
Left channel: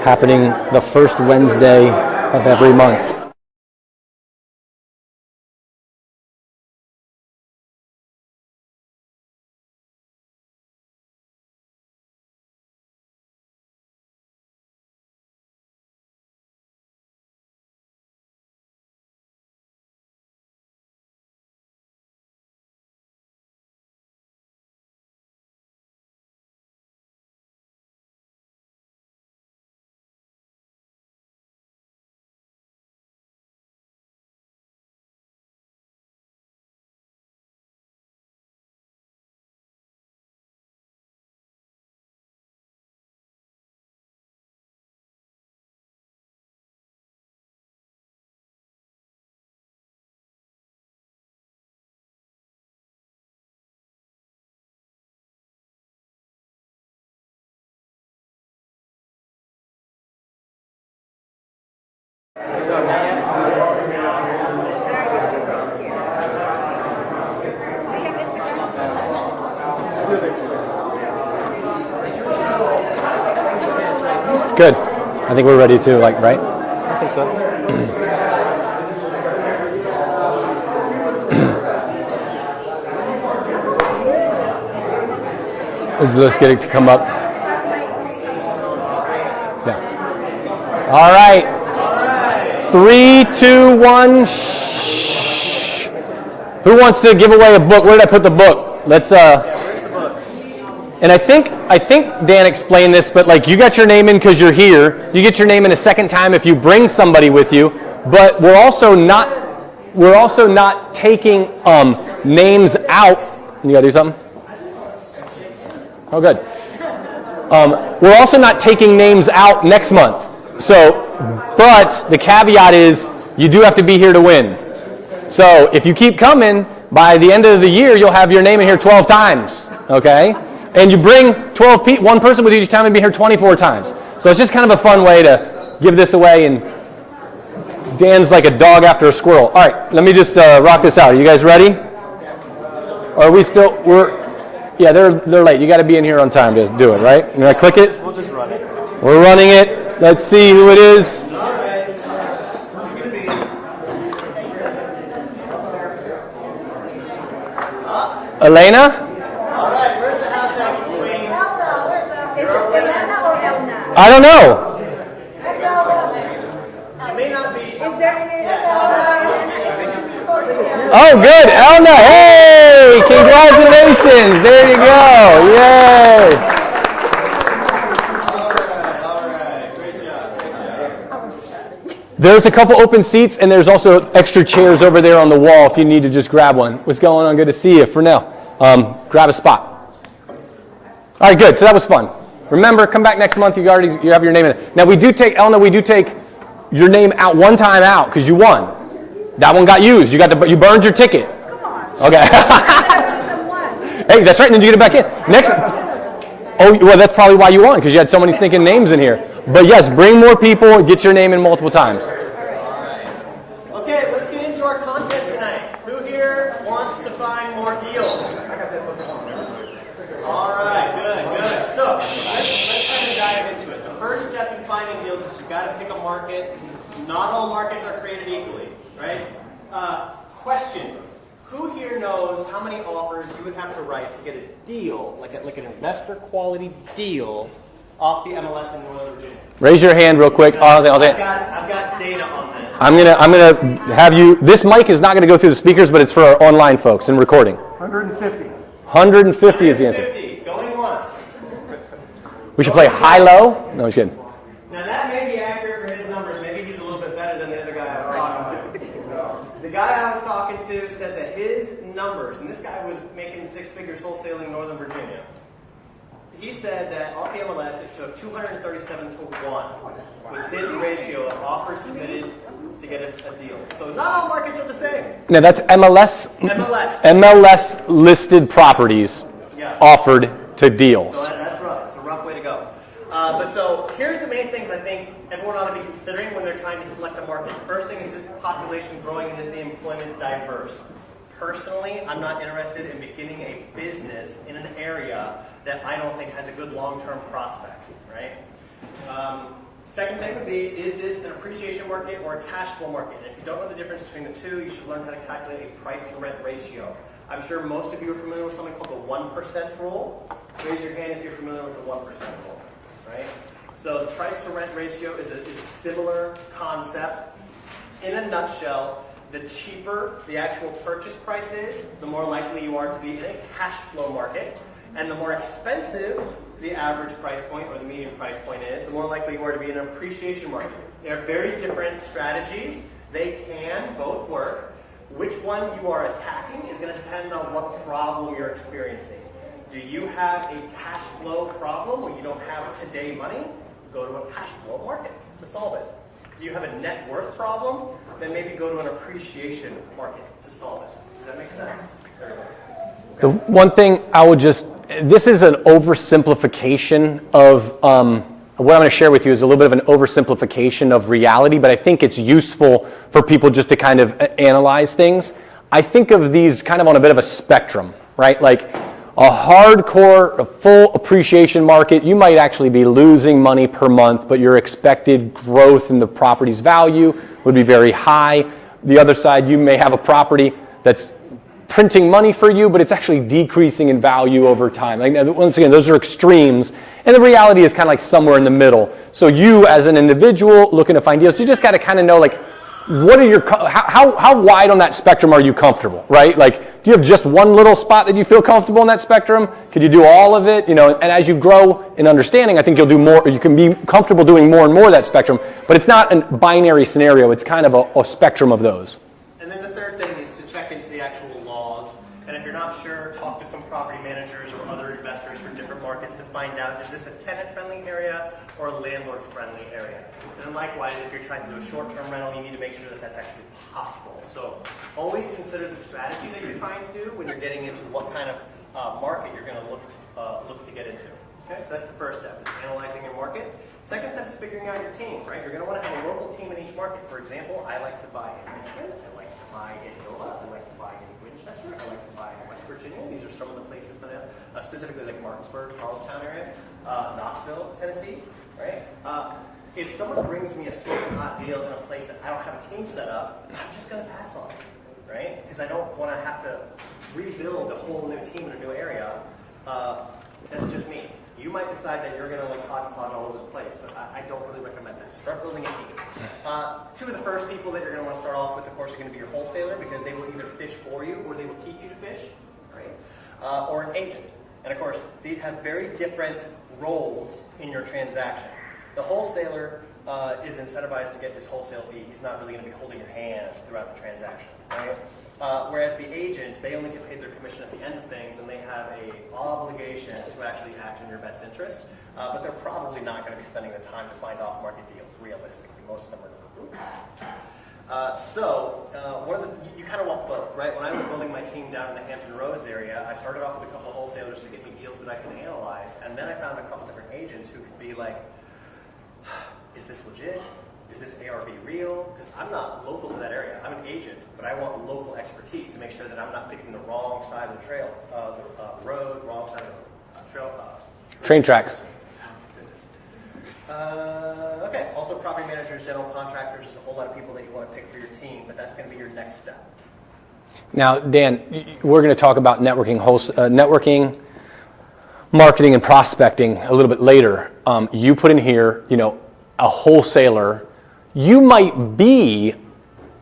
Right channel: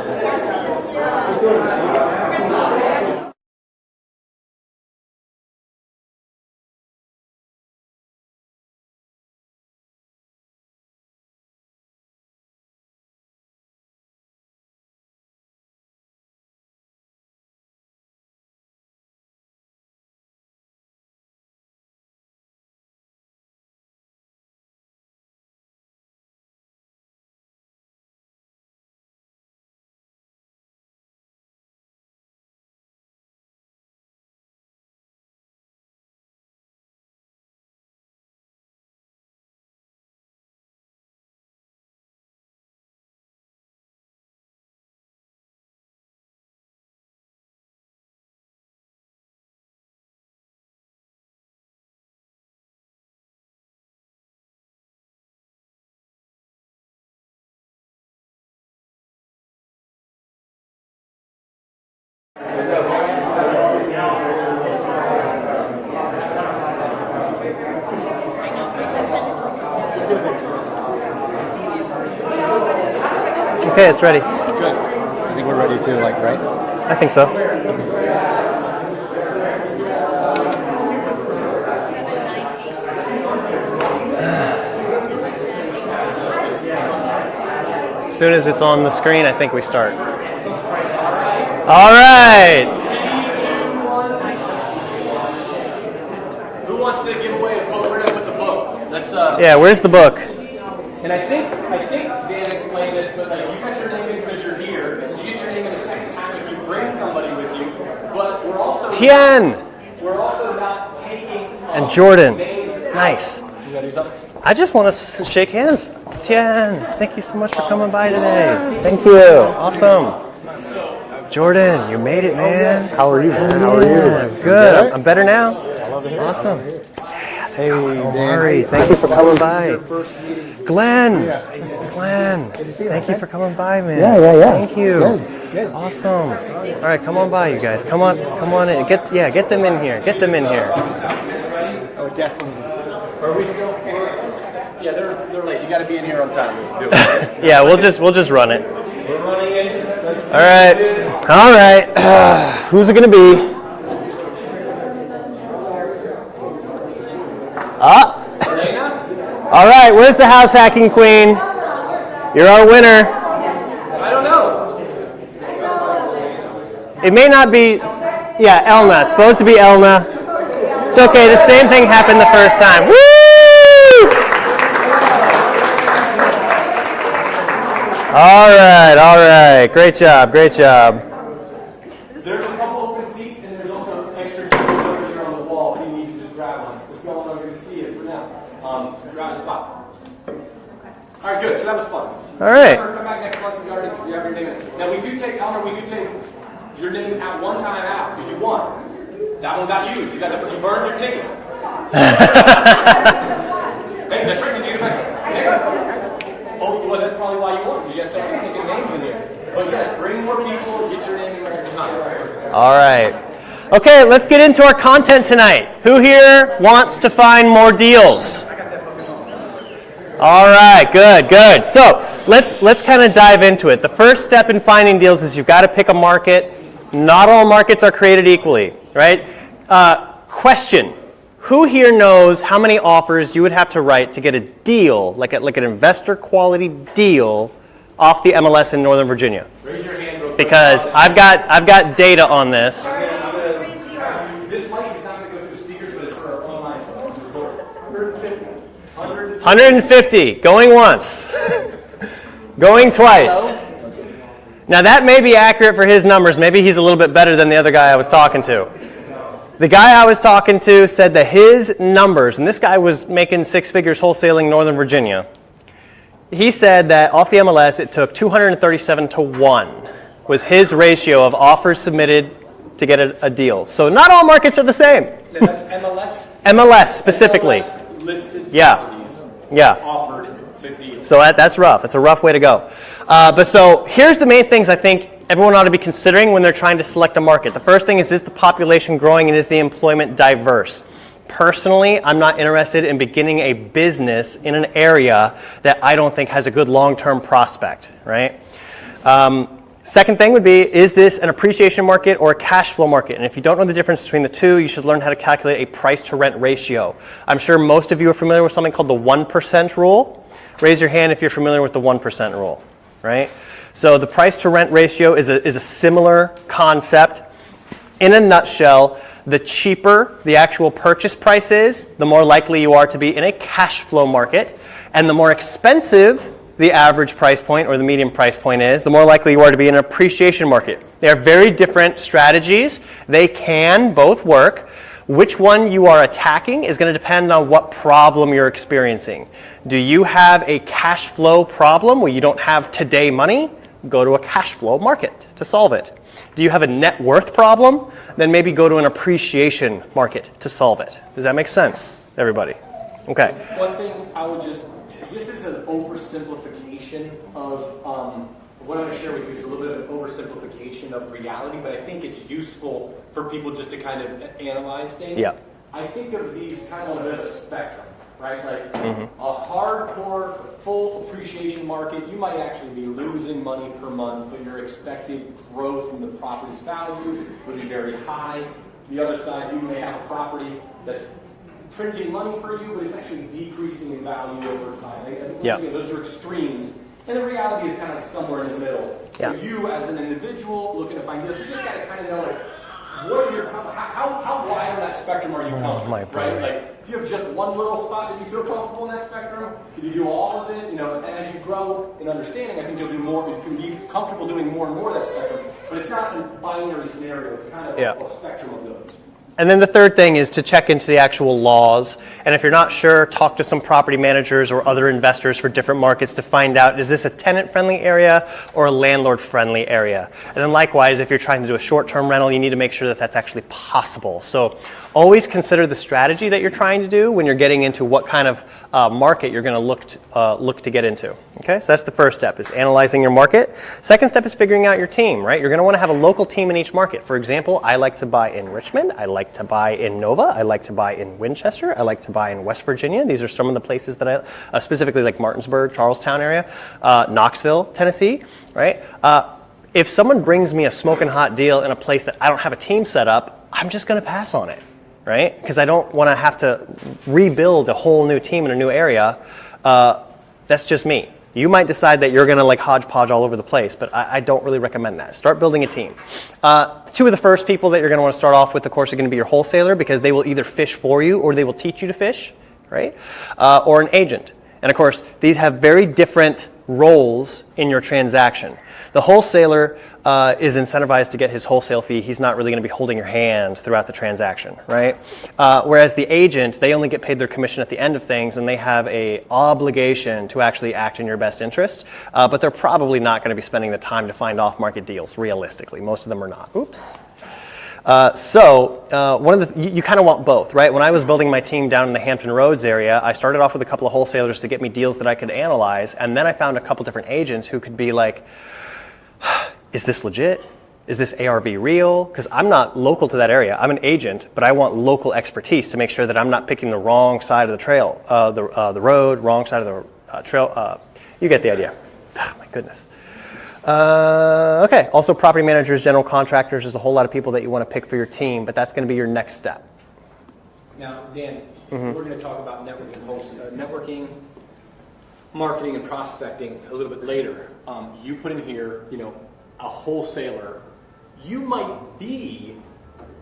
Happening the first Wednesday of every month. Okay, it's ready. Good. I think we're ready to, right? I think so. Let's get it to come up. As soon as it's on the screen, I think we start. All right. All right. 3, 2, 1. Shh. Who wants to give away a book? Where did I put the book? Let's. Yeah, where's the book? And I think Dan explained this, but you got your name in because you're here. You get your name in a second time if you bring somebody with you. But we're also not taking Jordan. names out. You gotta do something. I just want to shake hands. Okay. Yeah, thank you so much for coming by. We're also not taking names out next month. So, Jordan, but the caveat is you do have to be here to win. Good. I'm better now. So if you keep coming, by the end of the year, you'll have your name in here 12 times. Okay? And you bring 12 people, one person with you each time, and be here 24 times. So it's just kind of a fun way to give this away. And all right, come on by, you guys. Come Dan's on, like a dog after a squirrel. All right, let me just rock this out. Are you guys ready? Or are we still? Yeah, they're late. You got to be in here on time to do it, right? Yeah, we'll just run it. We're running it. Let's see who it is. All right. Who's it going to be? Elena? All right, where's the house hacking queen? You're our winner. I don't know. It may not be, yeah, Elna. Supposed to be Elna. Oh, okay, good. the same thing Elna. happened the first time. Congratulations. There you go. Yay. All right. Great job. There's a couple open seats, and there's also extra chairs over there on the wall if you need to just grab one. What's going on? Good to see you. For now, grab a spot. All right, good. So that was fun. Remember, come back next month. You have your name in it. Now we do take your name out one time out because you won. That one got used. You burned your ticket. Okay. Hey, that's right. And then you get it back in. Next. Oh, well, that's probably why you won, because you had so many stinking names in here. But yes, bring more people, get your name in multiple times. All right. Okay, let's get into our content tonight. Who here wants to find more deals? All right, good. So let's kind of dive into it. The first step in finding deals is you've got to pick a market. Not all markets are created equally, right? Question. Who here knows how many offers you would have to write to get a deal, like an investor quality deal, off the MLS in Northern Virginia? Raise your hand real quick. Because I've got data on this. I'm gonna have you. This mic is not gonna go through the speakers, but it's for our online folks and recording. 150. 150. Going once. Going twice. No, I'm just kidding. Now that may be accurate for his numbers. Maybe he's a little bit better than the other guy I was talking to. The guy I was talking to said that his numbers, and this guy was making six figures wholesaling Northern Virginia. He said that off the MLS it took 237 to 1 was his ratio of offers submitted to get a deal. So not all markets are the same. No, that's MLS. MLS specifically. MLS listed properties offered to deal. So that's rough. It's a rough way to go. But so here's the main things I think everyone ought to be considering when they're trying to select a market. The first thing is the population growing and is the employment diverse? Personally, I'm not interested in beginning a business in an area that I don't think has a good long-term prospect, right? Second thing would be, is this an appreciation market or a cash flow market? And if you don't know the difference between the two, you should learn how to calculate a price to rent ratio. I'm sure most of you are familiar with something called the 1% rule. Raise your hand if you're familiar with the 1% rule, right? So the price to rent ratio is a similar concept. In a nutshell, the cheaper the actual purchase price is, the more likely you are to be in a cash flow market. And the more expensive the average price point or the median price point is, the more likely you are to be in an appreciation market. They are very different strategies. They can both work. Which one you are attacking is going to depend on what problem you're experiencing. Do you have a cash flow problem where you don't have today money? Go to a cash flow market to solve it. Do you have a net worth problem? Then maybe go to an appreciation market to solve it. Does that make sense, everybody? Okay. So one thing I would this is an oversimplification of what I'm going to share with you is a little bit of an oversimplification of reality, but I think it's useful for people just to kind of analyze things. Yeah. I think of these kind of on a bit of a spectrum, right? Like a hardcore, a full appreciation market, you might actually be losing money per month, but your expected growth in the property's value would be very high. The other side, you may have a property that's printing money for you, but it's actually decreasing in value over time. Like, once again, those are extremes. And the reality is kind of like somewhere in the middle. So you, as an individual looking to find deals, you just got to kind of know, like, what are your, how wide on that spectrum are you comfortable, right? Like, do you have just one little spot that you feel comfortable in that spectrum? Could you do all of it? You know, and as you grow in understanding, I think you'll do more, or you can be comfortable doing more and more of that spectrum. But it's not a binary scenario. It's kind of a spectrum of those. And then the third thing is to check into the actual laws. And if you're not sure, talk to some property managers or other investors for different markets to find out, is this a tenant-friendly area or a landlord-friendly area? And then likewise, if you're trying to do a short-term rental, you need to make sure that that's actually possible. So always consider the strategy that you're trying to do when you're getting into what kind of market you're going to look to get into. Okay, so that's the first step, is analyzing your market. Second step is figuring out your team, right? You're going to want to have a local team in each market. For example, I like to buy in Richmond. I like to buy in Nova. I like to buy in Winchester. I like to buy in West Virginia. These are some of the places that I, specifically like Martinsburg, Charlestown area, Knoxville, Tennessee, right? If someone brings me a smoking hot deal in a place that I don't have a team set up, I'm just going to pass on it, right? Because I don't want to have to rebuild a whole new team in a new area. That's just me. You might decide that you're going to like hodgepodge all over the place, but I don't really recommend that. Start building a team. Two of the first people that you're going to want to start off with, of course, are going to be your wholesaler, because they will either fish for you or they will teach you to fish, right? Or an agent. And of course, these have very different roles in your transaction. The wholesaler is incentivized to get his wholesale fee. He's not really going to be holding your hand throughout the transaction, right? Whereas the agent, they only get paid their commission at the end of things, and they have an obligation to actually act in your best interest. But they're probably not going to be spending the time to find off-market deals, realistically. Most of them are not. Oops. You kind of want both, right? When I was building my team down in the Hampton Roads area, I started off with a couple of wholesalers to get me deals that I could analyze, and then I found a couple different agents who could be like, is this legit? Is this ARV real? Because I'm not local to that area. I'm an agent, but I want local expertise to make sure that I'm not picking the wrong side of the trail, the road, wrong side of the trail. Train tracks. Oh, my goodness. Okay, also property managers, general contractors, there's a whole lot of people that you want to pick for your team, but that's going to be your next step. Now, Dan, we're going to talk about networking, marketing, and prospecting a little bit later. You put in here, a wholesaler. You might be,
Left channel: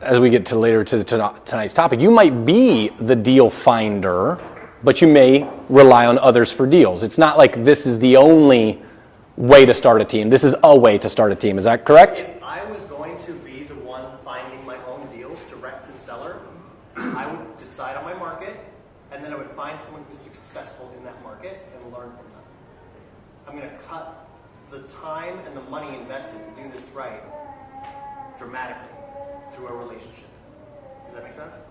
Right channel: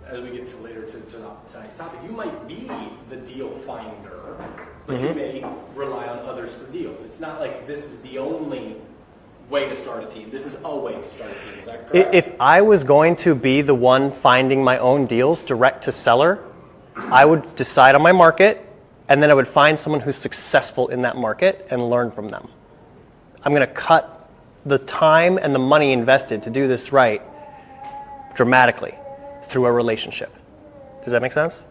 as we get to later to tonight's topic, you might be the deal finder, but you may rely on others for deals. It's not like this is the only way to start a team. This is a way to start a team. Is that correct? If I was going to be the one finding my own deals direct to seller, I would decide on my market, and then I would find someone who's successful in that market and learn from them. I'm going to cut the time and the money invested to do this right dramatically through a relationship. Does that make sense?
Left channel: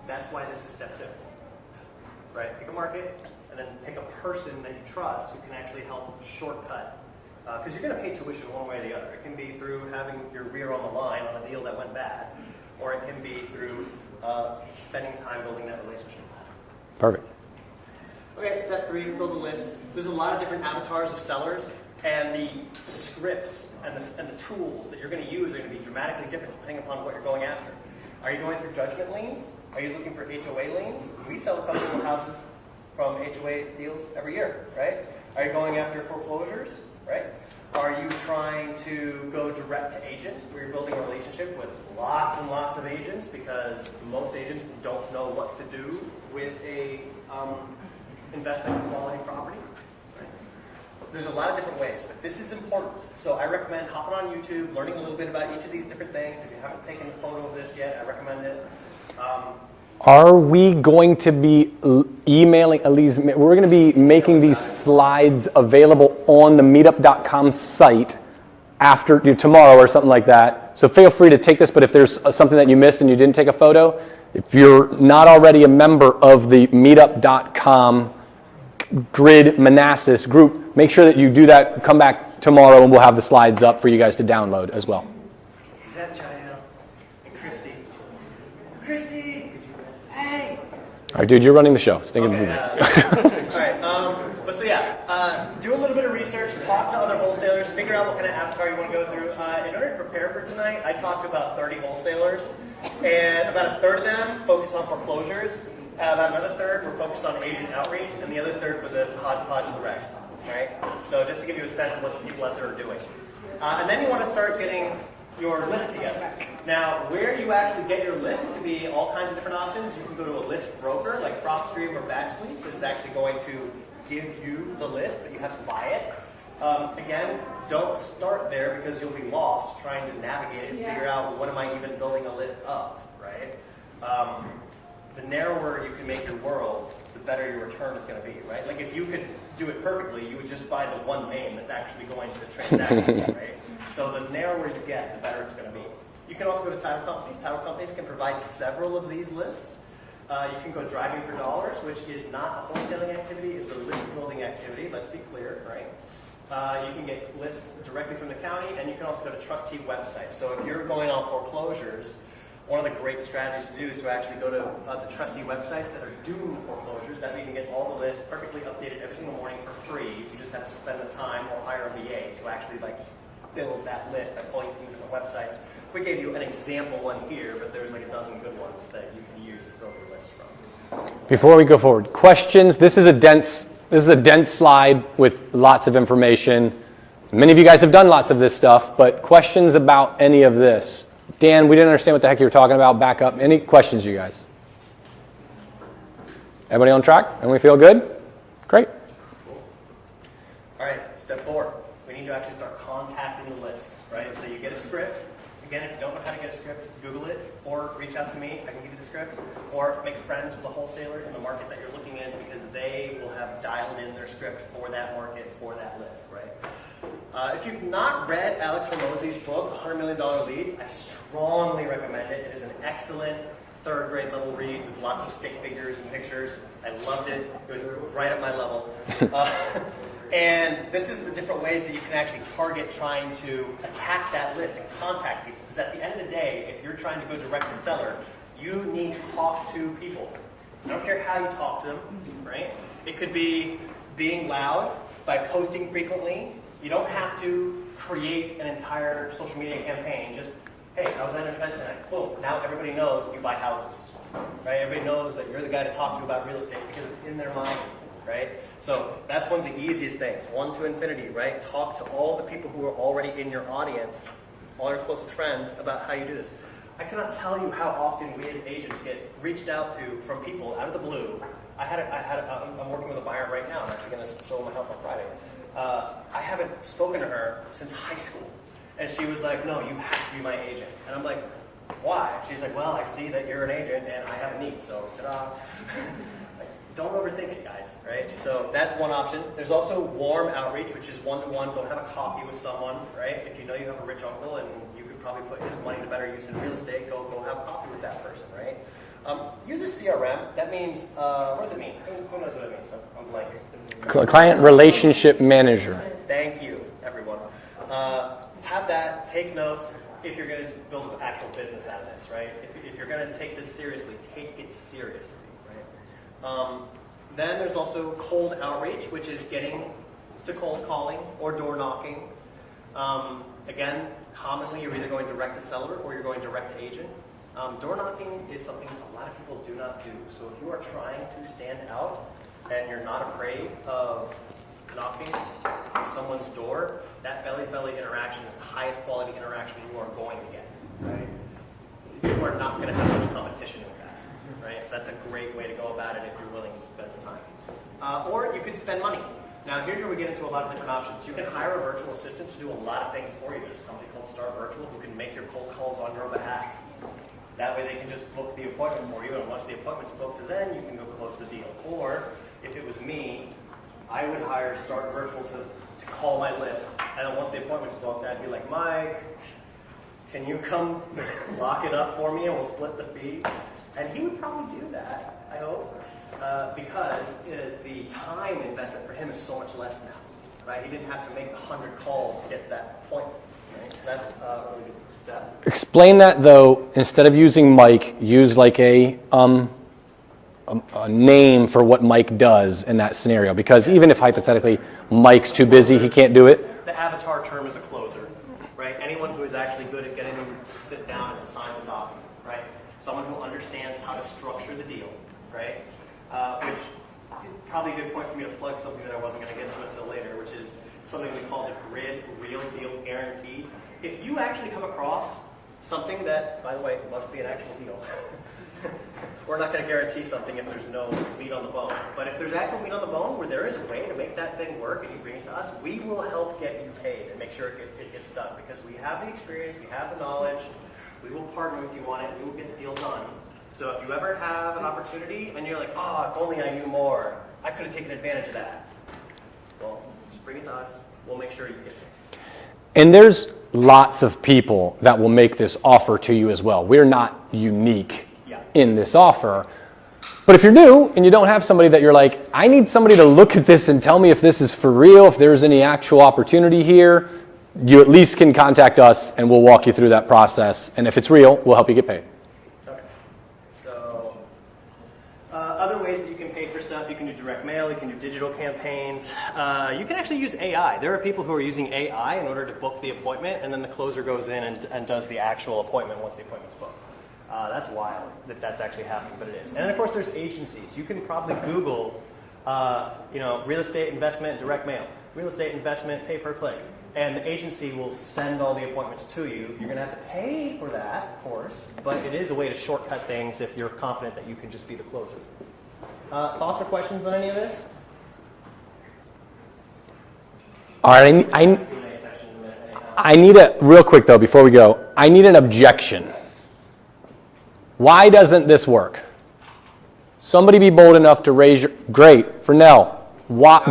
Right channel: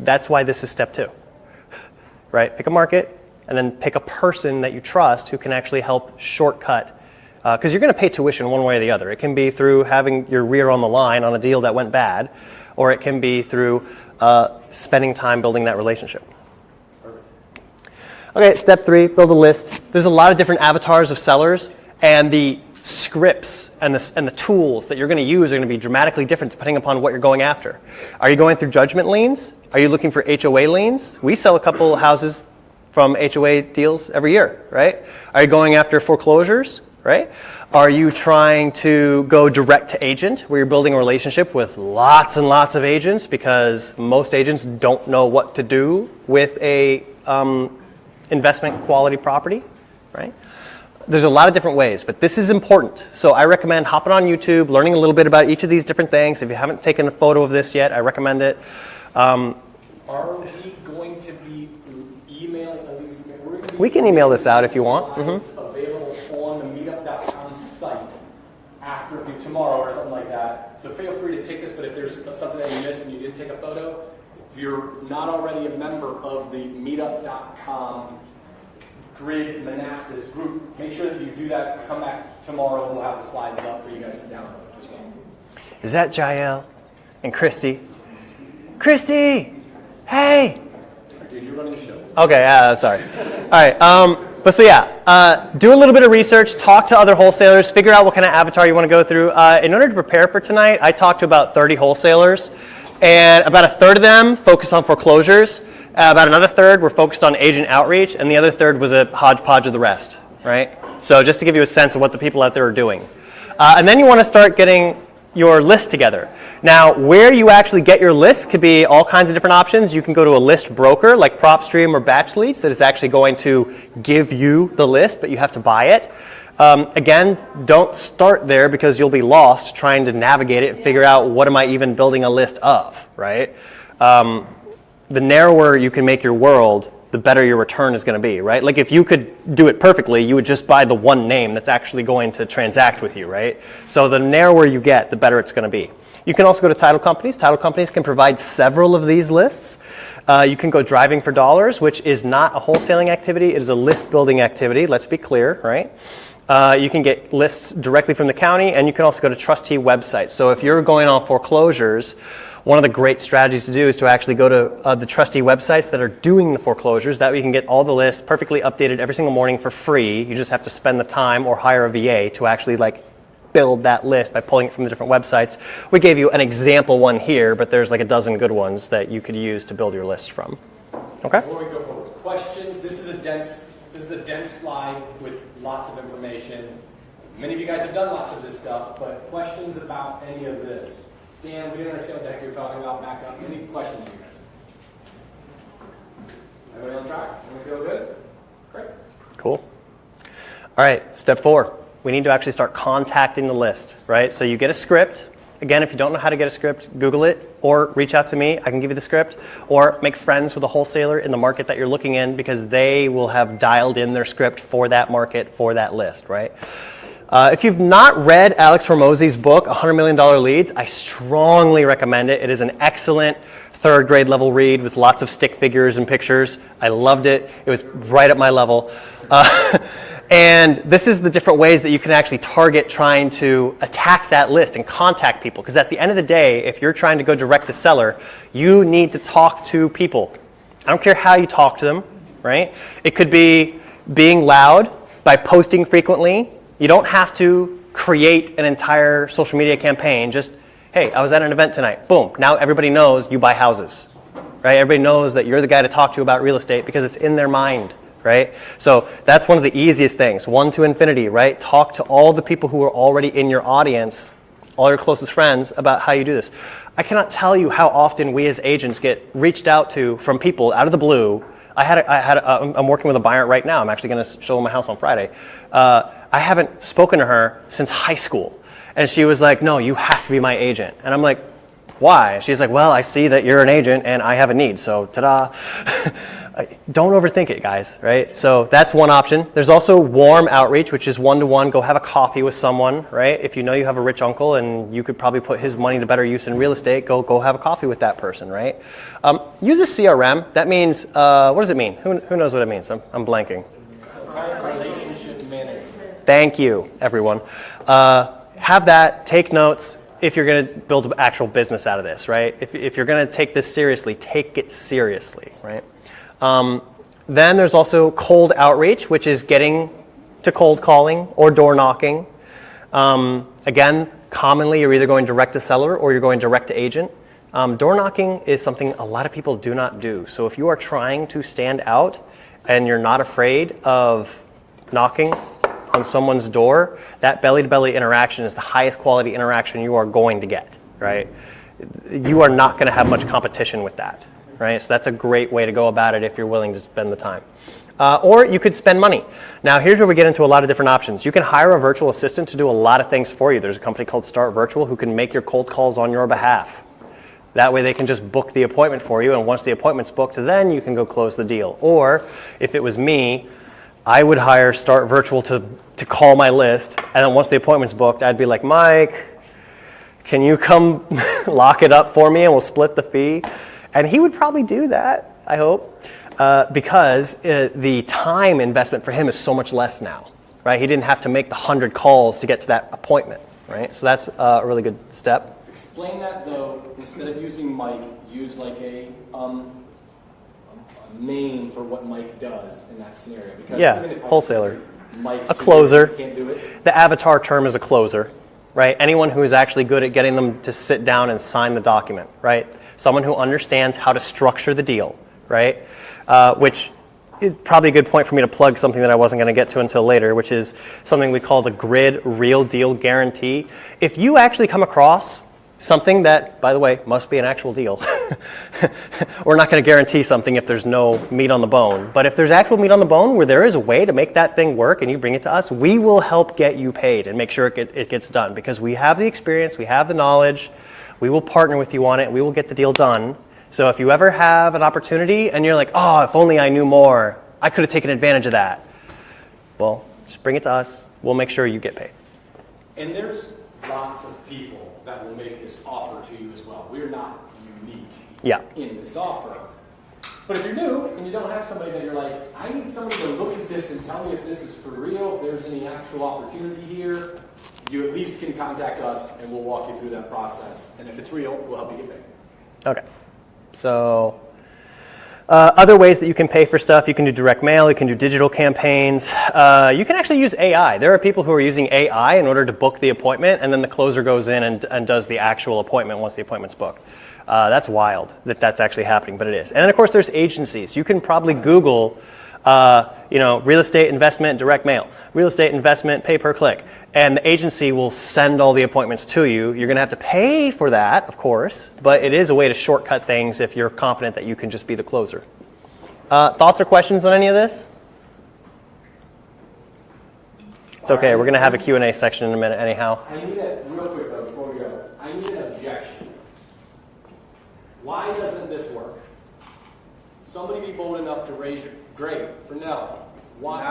That's why this is step 2, right? Pick a market and then pick a person that you trust who can actually help shortcut, because you're going to pay tuition one way or the other. It can be through having your rear on the line on a deal that went bad, or it can be through spending time building that relationship. Perfect. Okay, step 3, build a list. There's a lot of different avatars of sellers, and the scripts and the tools that you're going to use are going to be dramatically different depending upon what you're going after. Are you going through judgment liens? Are you looking for HOA liens? We sell a couple houses from HOA deals every year, right? Are you going after foreclosures, right? Are you trying to go direct to agent, where you're building a relationship with lots and lots of agents, because most agents don't know what to do with a investment quality property, right? There's a lot of different ways, but this is important. So I recommend hopping on YouTube, learning a little bit about each of these different things. If you haven't taken a photo of this yet, I recommend it. Are we going to be emailing Elise? We're going to be making these slides available on the meetup.com site after tomorrow or something like that. So feel free to take this, but if there's something that you missed and you didn't take a photo, if you're not already a member of the meetup.com Grid Manassas group, make sure that you do that. Come back tomorrow, and we'll have the slides up for you guys to download as well. Is that Jael and Christy? Christy, hey. All right, dude, you're running the show. Stay Okay, sorry. All right, but so yeah, do a little bit of research, talk to other wholesalers, figure out what kind of avatar you want to go through. In order to prepare for tonight, I talked to about 30 wholesalers, and about a third of them focused on foreclosures. About another third were focused on agent outreach, and the other third was a hodgepodge of the rest, right? So just to give you a sense of what the people out there are doing. And then you want to start getting your list together. Now, where you actually get your list could be all kinds of different options. You can go to a list broker like PropStream or Batch Leads that is actually going to give you the list, but you have to buy it. Again, don't start there because you'll be lost trying to navigate it and figure out what am I even building a list of, right? The narrower you can make your world, the better your return is going to be, right? Like if you could do it perfectly, you would just buy the one name that's actually going to transact with you, right? So the narrower you get, the better it's going to be. You can also go to title companies. Title companies can provide several of these lists. You can go driving for dollars, which is not a wholesaling activity. It is a list building activity. Let's be clear, right? You can get lists directly from the county, and you can also go to trustee websites. So if you're going on foreclosures, one of the great strategies to do is to actually go to the trustee websites that are doing the foreclosures. That way you can get all the lists perfectly updated every single morning for free. You just have to spend the time or hire a VA to actually build that list by pulling it from the different websites. We gave you an example one here, but there's like a dozen good ones that you could use to build your list from. Okay? Before we go forward, questions. This is a dense slide with lots of information. Many of you guys have done lots of this stuff, but questions about any of this? Dan, we didn't understand what the heck you were talking about. Back up. Any questions, you guys? Everybody on track? Everybody feel good? Great. Cool. All right, step 4. We need to actually start contacting the list, right? So you get a script. Again, if you don't know how to get a script, Google it or reach out to me. I can give you the script. Or make friends with a wholesaler in the market that you're looking in because they will have dialed in their script for that market, for that list, right? If you've not read Alex Hormozi's book, $100 Million Leads, I strongly recommend it. It is an excellent third grade level read with lots of stick figures and pictures. I loved it. It was right at my level. And this is the different ways that you can actually target trying to attack that list and contact people. Because at the end of the day, if you're trying to go direct to seller, you need to talk to people. I don't care how you talk to them, right? It could be being loud by posting frequently. You don't have to create an entire social media campaign. Just, hey, I was at an event tonight. Boom. Now everybody knows you buy houses, right? Everybody knows that you're the guy to talk to about real estate because it's in their mind, right? So that's one of the easiest things. 1 to infinity, right? Talk to all the people who are already in your audience, all your closest friends, about how you do this. I cannot tell you how often we as agents get reached out to from people out of the blue. I'm working with a buyer right now. I'm actually going to show them my house on Friday. I haven't spoken to her since high school. And she was like, no, you have to be my agent. And I'm like, why? She's like, well, I see that you're an agent and I have a need, so ta-da. Don't overthink it, guys, right? So that's one option. There's also warm outreach, which is one-to-one. Go have a coffee with someone, right? If you know you have a rich uncle and you could probably put his money to better use in real estate, go have a coffee with that person, right? Use a CRM. That means, what does it mean? Who knows what it means? I'm blanking. Client relationship manager. Thank you, everyone. Have that, take notes if you're going to build an actual business out of this, right? If you're going to take this seriously, take it seriously, right? Then there's also cold outreach, which is getting to cold calling or door knocking. Again, commonly you're either going direct to seller or you're going direct to agent. Door knocking is something a lot of people do not do. So if you are trying to stand out and you're not afraid of knocking on someone's door, that belly-to-belly interaction is the highest quality interaction you are going to get, right? You are not going to have much competition with that, right? So that's a great way to go about it if you're willing to spend the time. Or you could spend money. Now, here's where we get into a lot of different options. You can hire a virtual assistant to do a lot of things for you. There's a company called Start Virtual who can make your cold calls on your behalf. That way they can just book the appointment for you, and once the appointment's booked, then you can go close the deal. Or if it was me, I would hire Start Virtual to call my list, and then once the appointment's booked, I'd be like, Mike, can you come lock it up for me and we'll split the fee? And he would probably do that, I hope, because the time investment for him is so much less now. right? He didn't have to make the 100 calls to get to that appointment, right? So that's a really good step. Explain that though, instead of using Mike, use like a name for what Mike does in that scenario. Because Yeah, even if hypothetically Mike's A too closer. busy, he can't do it. The avatar term is a closer, right? Anyone who is actually good at getting them to sit down and sign the document, right? Someone who understands how to structure the deal, right? Which is probably a good point for me to plug something that I wasn't going to get to until later, which is something we call the grid real deal guarantee. If you actually come across something that, by the way, must be an actual deal. We're not going to guarantee something if there's no meat on the bone. But if there's actual meat on the bone where there is a way to make that thing work and you bring it to us, we will help get you paid and make sure it gets done. Because we have the experience, we have the knowledge, we will partner with you on it, we will get the deal done. So if you ever have an opportunity and you're like, oh, if only I knew more, I could have taken advantage of that. Well, just bring it to us. We'll make sure you get paid. And there's lots of people that will make this offer to you as well. We're not unique in this offer. But if you're new and you don't have somebody that you're like, I need somebody to look at this and tell me if this is for real, if there's any actual opportunity here, you at least can contact us and we'll walk you through that process. And if it's real, we'll help you get paid. Okay. So other ways that you can pay for stuff, you can do direct mail, you can do digital campaigns. You can actually use AI. There are people who are using AI in order to book the appointment, and then the closer goes in and does the actual appointment once the appointment's booked. That's wild that that's actually happening, but it is. And then of course there's agencies. You can probably Google real estate investment, direct mail, real estate investment, pay per click. And the agency will send all the appointments to you. You're going to have to pay for that, of course, but it is a way to shortcut things if you're confident that you can just be the closer. Thoughts or questions on any of this? Okay, we're going to have a Q&A section in a minute anyhow. I need real quick though, before we go, I need an objection. Why doesn't this work? Somebody be bold enough to raise your, great, Fernell,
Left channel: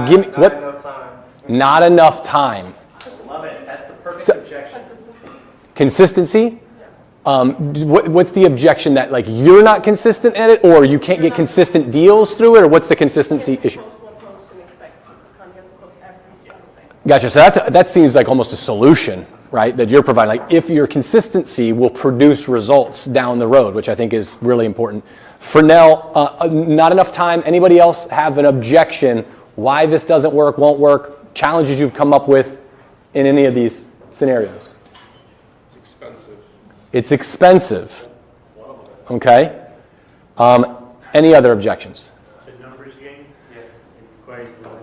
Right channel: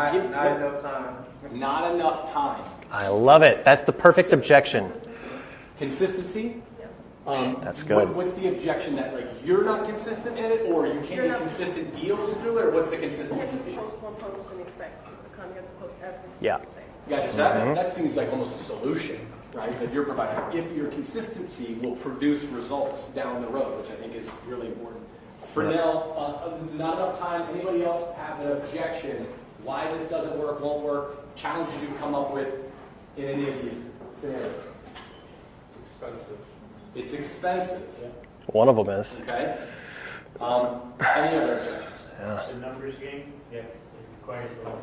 give me, what? Enough time. Not enough time. I love it. That's the perfect objection. Consistency? What's the objection that like you're not consistent at it, or you can't get consistent deals through it, or what's the consistency issue? Yeah. Gotcha. So that seems like almost a solution, right? That you're providing. Like if your consistency will produce results down the road, which I think is really important. Fernell, not enough time. Anybody else have an objection? Why this doesn't work, won't work? Challenges you've come up with in any of these scenarios? It's expensive. It's expensive. One of them is. Okay. Any other objections? It's a numbers game. Yeah, it requires a lot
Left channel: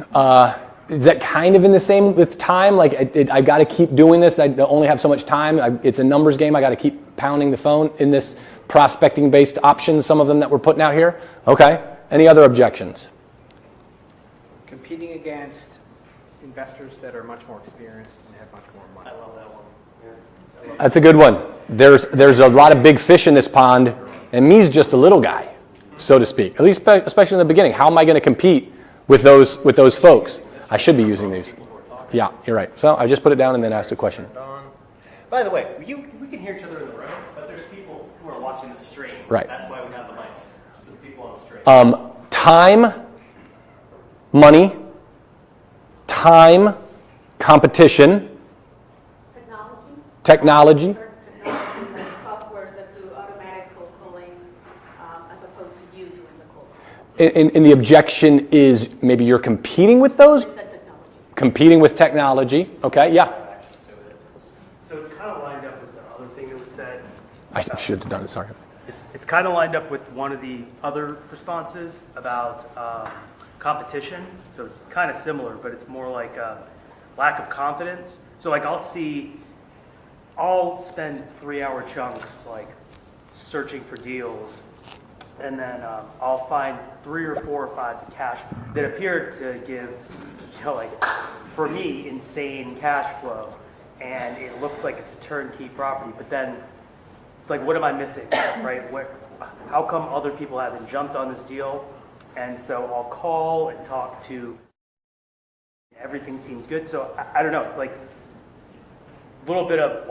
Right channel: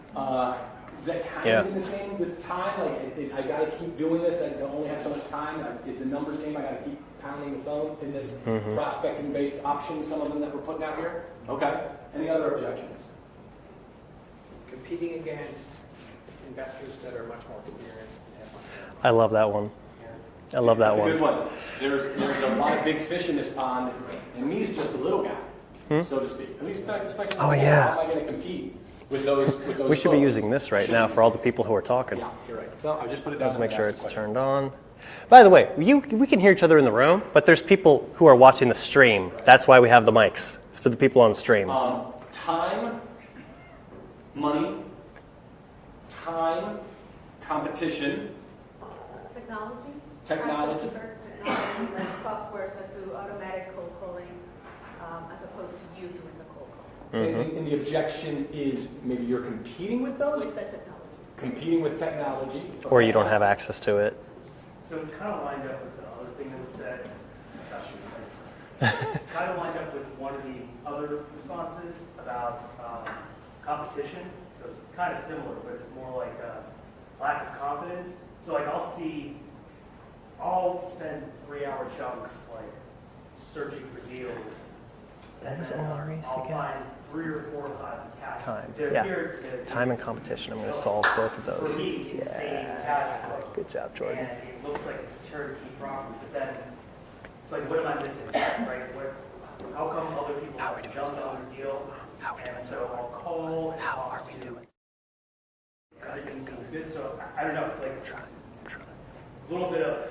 of calls. Is that kind of in the same with time? Like I've got to keep doing this. I only have so much time. It's a numbers game. I got to keep pounding the phone in this prospecting-based options. Some of them that we're putting out here. Okay. Any other objections? Competing against investors that are much more experienced and have much more money. I love that one. I love that That's a good one. There's a lot of big fish in this pond, and me's just a little guy, so to speak. At least especially in the beginning. How am I going to compete with those We folks? should be using this right I should now be using for all the these. people who are talking. Yeah, you're right. So I just put it down and then Make asked sure a question. it's turned on. By the way, we can hear each other in the room, but there's people who are watching the stream. Right. That's why we have the mics. It's for the people on the stream. Time, money, time, competition, technology. Like softwares that do automatic cold calling as opposed to you doing the cold calling. And the objection is maybe you're competing with those? With that technology. Competing with technology. Or Okay, you don't yeah. have access to it. So it's kind of lined up with the other thing that was said. I should have done it, sorry. It's kind of lined up with one of the other responses about competition. So it's kind of similar, but it's more like a lack of confidence. So like I'll spend 3-hour chunks like searching for deals, and then I'll find 3 or 4 or 5 cash that appear to give, Time and competition. you I'm know, going to like, solve both of those. for me, insane cash flow. Good job, Jordan. And it looks like it's a turnkey property, but then it's like, what am I missing, right? How come other people haven't jumped on this deal? And so I'll call and talk to, everything seems good. So I don't know, it's like a little bit of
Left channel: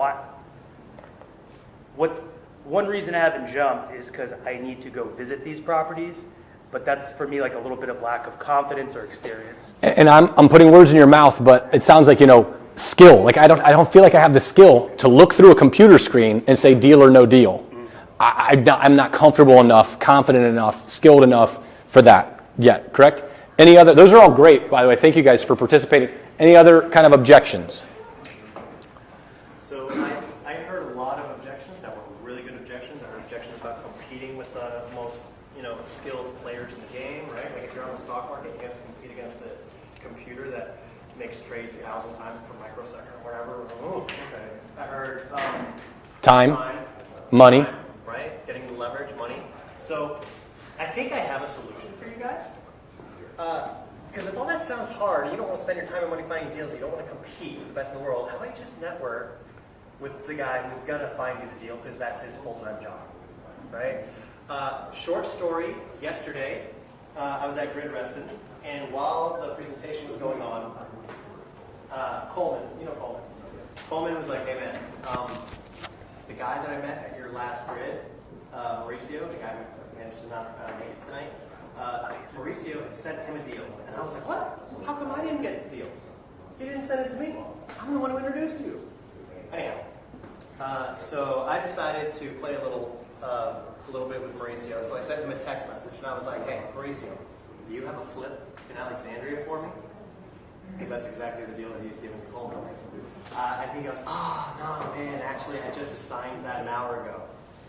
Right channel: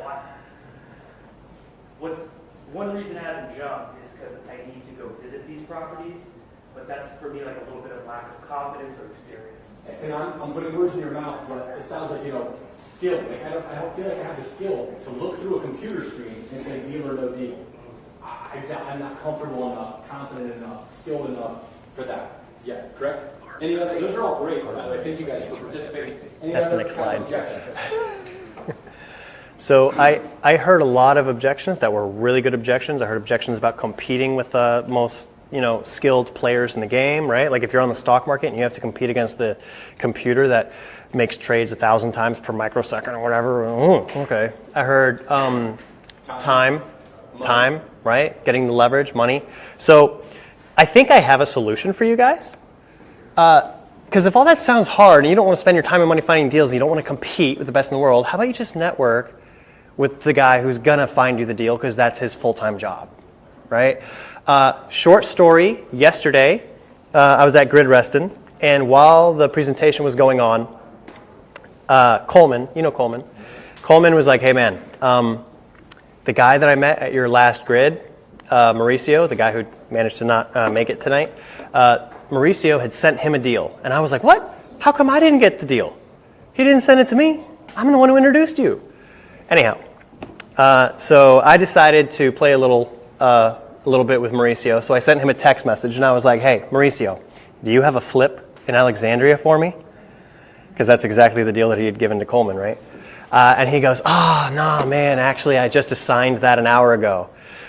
what's one reason I haven't jumped is because I need to go visit these properties. but that's for me like a little bit of lack of confidence or experience. And I'm putting words in your mouth, but it sounds like, skill. Like I don't feel like I have the skill to look through a computer screen and say deal or no deal. I'm not comfortable enough, confident enough, skilled enough for that yet, correct? Any other, those are all great, by the way. Thank you guys for participating. Any other kind of objections? So I heard a lot of objections that were really good objections. I heard objections about competing with the most skilled players in the game, right? Like if you're on the stock market and you have to compete against the computer that makes trades 1,000 times per microsecond or whatever. Okay. I heard time, money, right? Getting the leverage, money. So I think I have a solution for you guys. Because if all that sounds hard and you don't want to spend your time and money finding deals and you don't want to compete with the best in the world, how about you just network with the guy who's going to find you the deal because that's his full-time job, right? Short story, yesterday I was at Grid Reston, and while the presentation was going on, Coleman, Coleman was like, hey man, the guy that I met at your last grid, Mauricio, the guy who managed to not make it tonight, Mauricio had sent him a deal. And I was like, what? How come I didn't get the deal? He didn't send it to me. I'm the one who introduced you. Anyhow, so I decided to play a little bit with Mauricio. So I sent him a text message and I was like, hey, Mauricio, do you have a flip in Alexandria for me? Because that's exactly the deal that he had given to Coleman, right? And he goes, no, man, actually, I just assigned that an hour ago.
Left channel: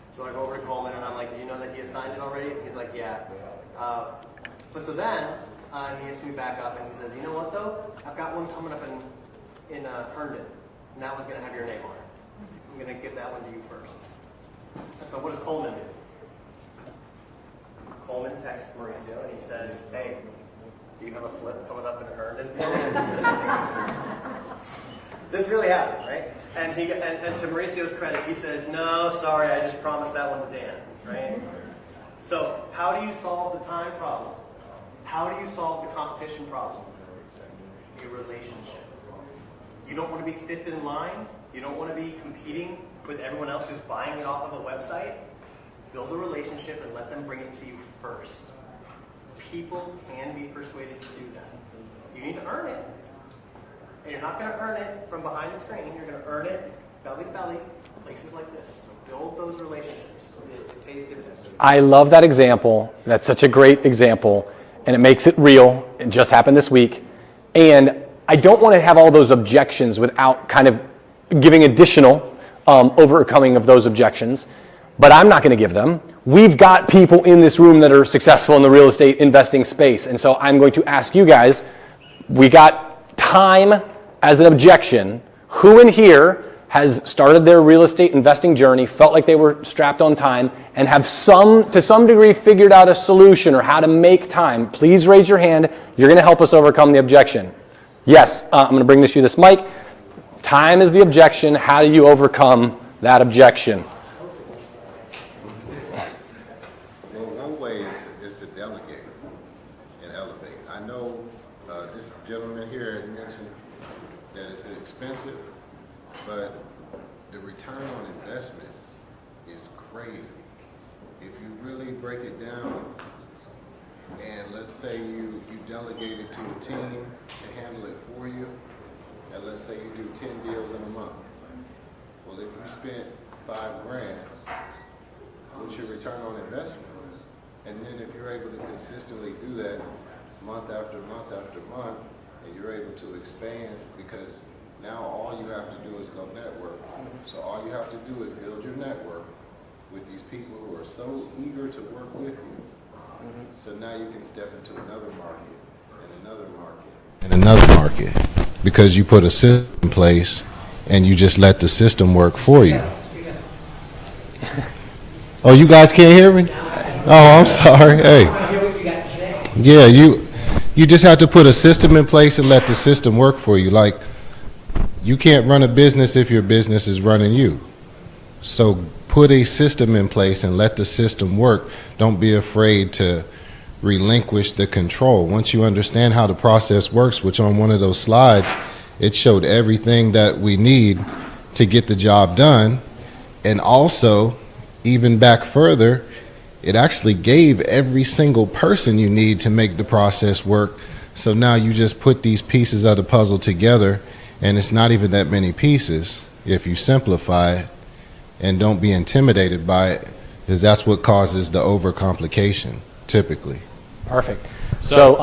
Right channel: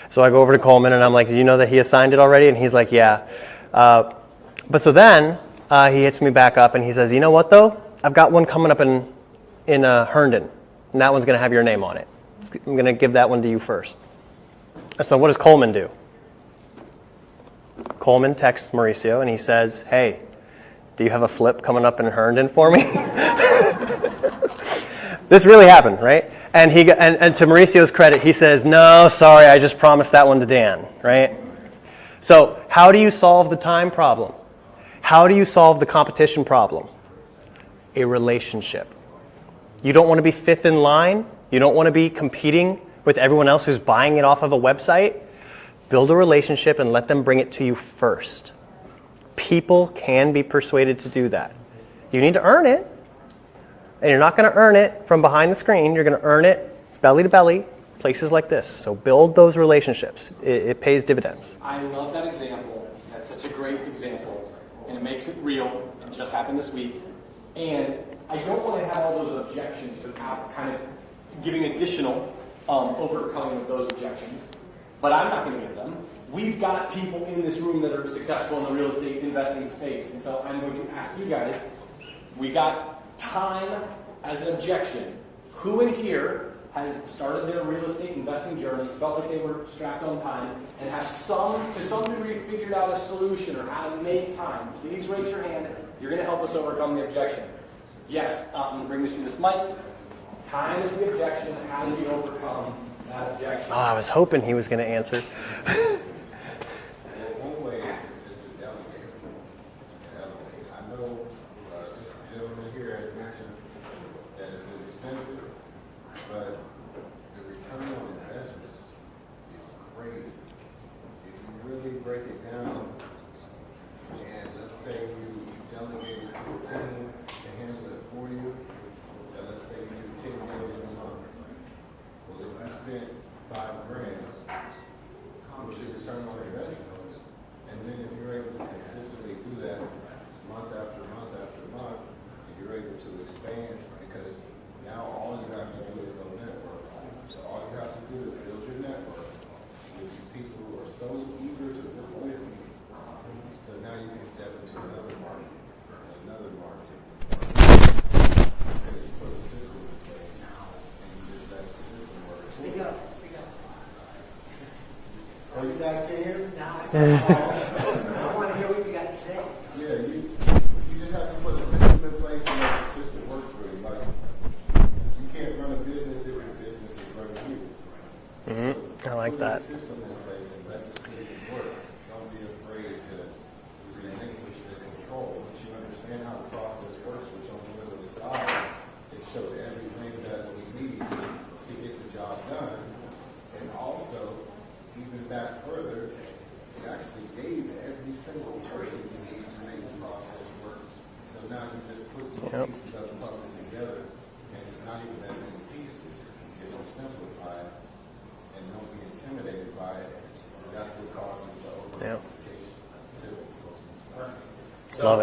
So I go over to Coleman and I'm like, did you know that he assigned it already? And he's like, yeah. But so then he hits me back up and he says, you know what though? I've got one coming up in Herndon, and that one's going to have your name on it. I'm going to give that one to you first. So what does Coleman do? Coleman texts Mauricio and he says, hey, do you have a flip coming up in Herndon for me? This really happened, right? And and to Mauricio's credit, he says, no, sorry, I just promised that one to Dan, right? So how do you solve the time problem? How do you solve the competition problem? A relationship. You don't want to be fifth in line. You don't want to be competing with everyone else who's buying it off of a website. Build a relationship and let them bring it to you first. People can be persuaded to do that. You need to earn it. And you're not going to earn it from behind the screen. You're going to earn it belly to belly, places like this. So build those relationships. It pays dividends. I love that example. That's such a great example. And it makes it real. It just happened this week. And I don't want to have all those objections without kind of giving additional overcoming of those objections. But I'm not going to give them. We've got people in this room that are successful in the real estate investing space. And so I'm going to ask you guys, we got time as an objection. Who in here has started their real estate investing journey, felt like they were strapped on time, and have to some degree figured out a solution or how to make time? Please raise your hand. You're going to help us overcome the objection. Yes, I'm going to bring this mic. Time is the objection. How do you overcome that objection? Oh, I was hoping he was going to answer. Well, one way is to delegate and elevate. I know this gentleman here had mentioned that it's expensive, but the return on investment is crazy. If you really break it down, and let's say you delegate it to a team to handle it for you, and let's say you do 10 deals in a month. Well, if you spent $5,000, what's your return on investment? And then if you're able to consistently do that month after month after month, and you're able to expand, because now all you have to do is go network. So all you have to do is build your network with these people who are so eager to work with you. So now you can step into another market, and another market, and another market, because you put a system in place and you just let the system work for you. Oh, you guys can't hear me? Oh, I'm sorry. Hey. Yeah, you just have to put a system in place and let the system work for you. Like, you can't run a business if your business is running you. So put a system in place and let the system work. Don't be afraid to relinquish the control. Once you understand how the process works, which on one of those slides, it showed everything that we need to get the job done. And also, even back further, it actually gave every single person you need to make the process work. So now you just put these pieces of the puzzle together, and it's not even that many pieces if you simplify it and don't be intimidated by it, because that's what causes the overcomplication typically. Perfect. So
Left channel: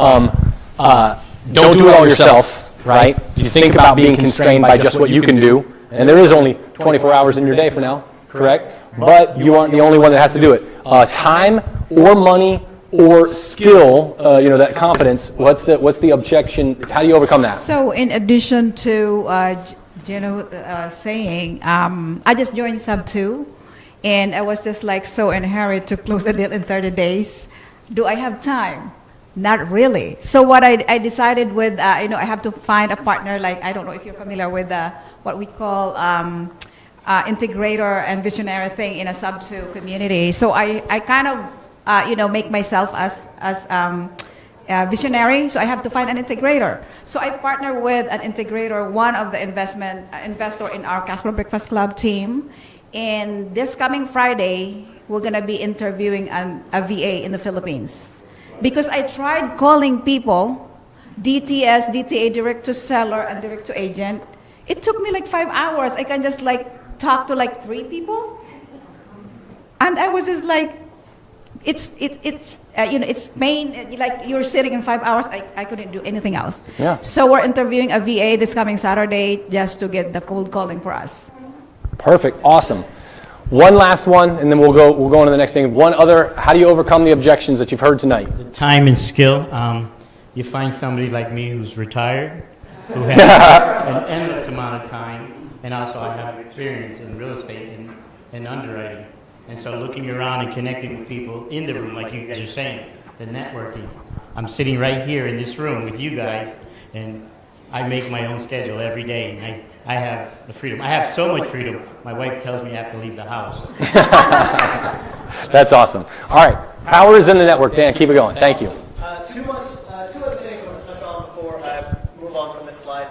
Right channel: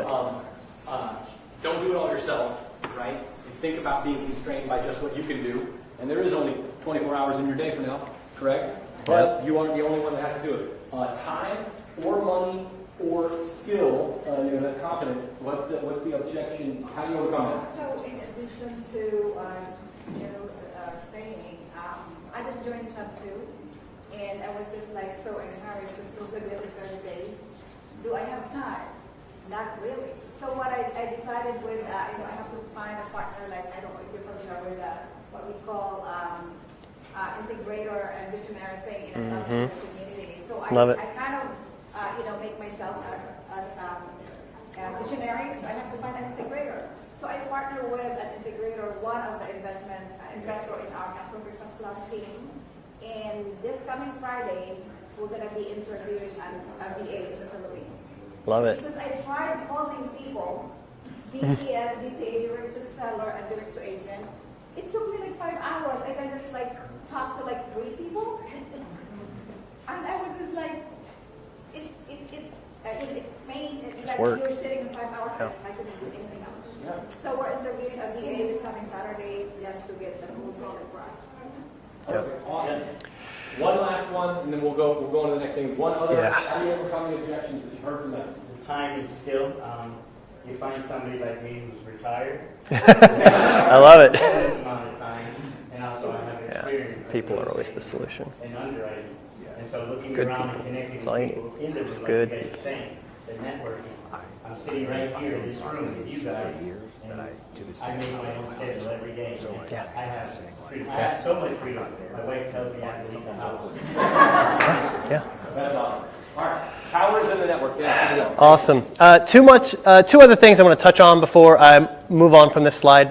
don't do it all yourself, right? You think about being constrained by just what you can do, and there is only 24 hours in your day for now, correct? But you aren't the only one that has to do it. Time or money or skill, that confidence, what's the objection? How do you overcome that? So in addition to saying, I just joined Sub 2, and I was just like so in a hurry to close the deal in 30 days. Do I have time? Not really. So what I decided with, I have to find a partner, like, I don't know if you're familiar with what we call integrator and visionary thing in a Sub 2 community. So I kind of, make myself as visionary, so I have to find an integrator. So I partner with an integrator, one of the investor in our Casper Breakfast Club team. And this coming Friday, we're going to be interviewing a VA in the Philippines. Because I tried calling people, DTS, DTA, direct to seller, and direct to agent. It took me like 5 hours. I can just talk to 3 people. And I was just like, it's pain, you're sitting in 5 hours. I couldn't do anything else. Yeah. So we're interviewing a VA this coming Saturday just to get the cold calling for us. Perfect, awesome. One last one, and then we'll go on to the next thing. One other, how do you overcome the objections that you've heard tonight? The time and skill. You find somebody like me who's retired, who has I love it. endless amount of time, and also I have experience in real estate and underwriting. And so looking around and connecting with people in the room, like you guys are saying, the networking. I'm sitting right here in this room with you guys, and I make my own schedule every day, and I have the freedom. I have so much freedom. My wife tells me I have to leave the house. That's awesome. All right, power is in the network. Dan, keep it going. Thank you. Awesome. Two other things I want to touch on before I move on from this slide.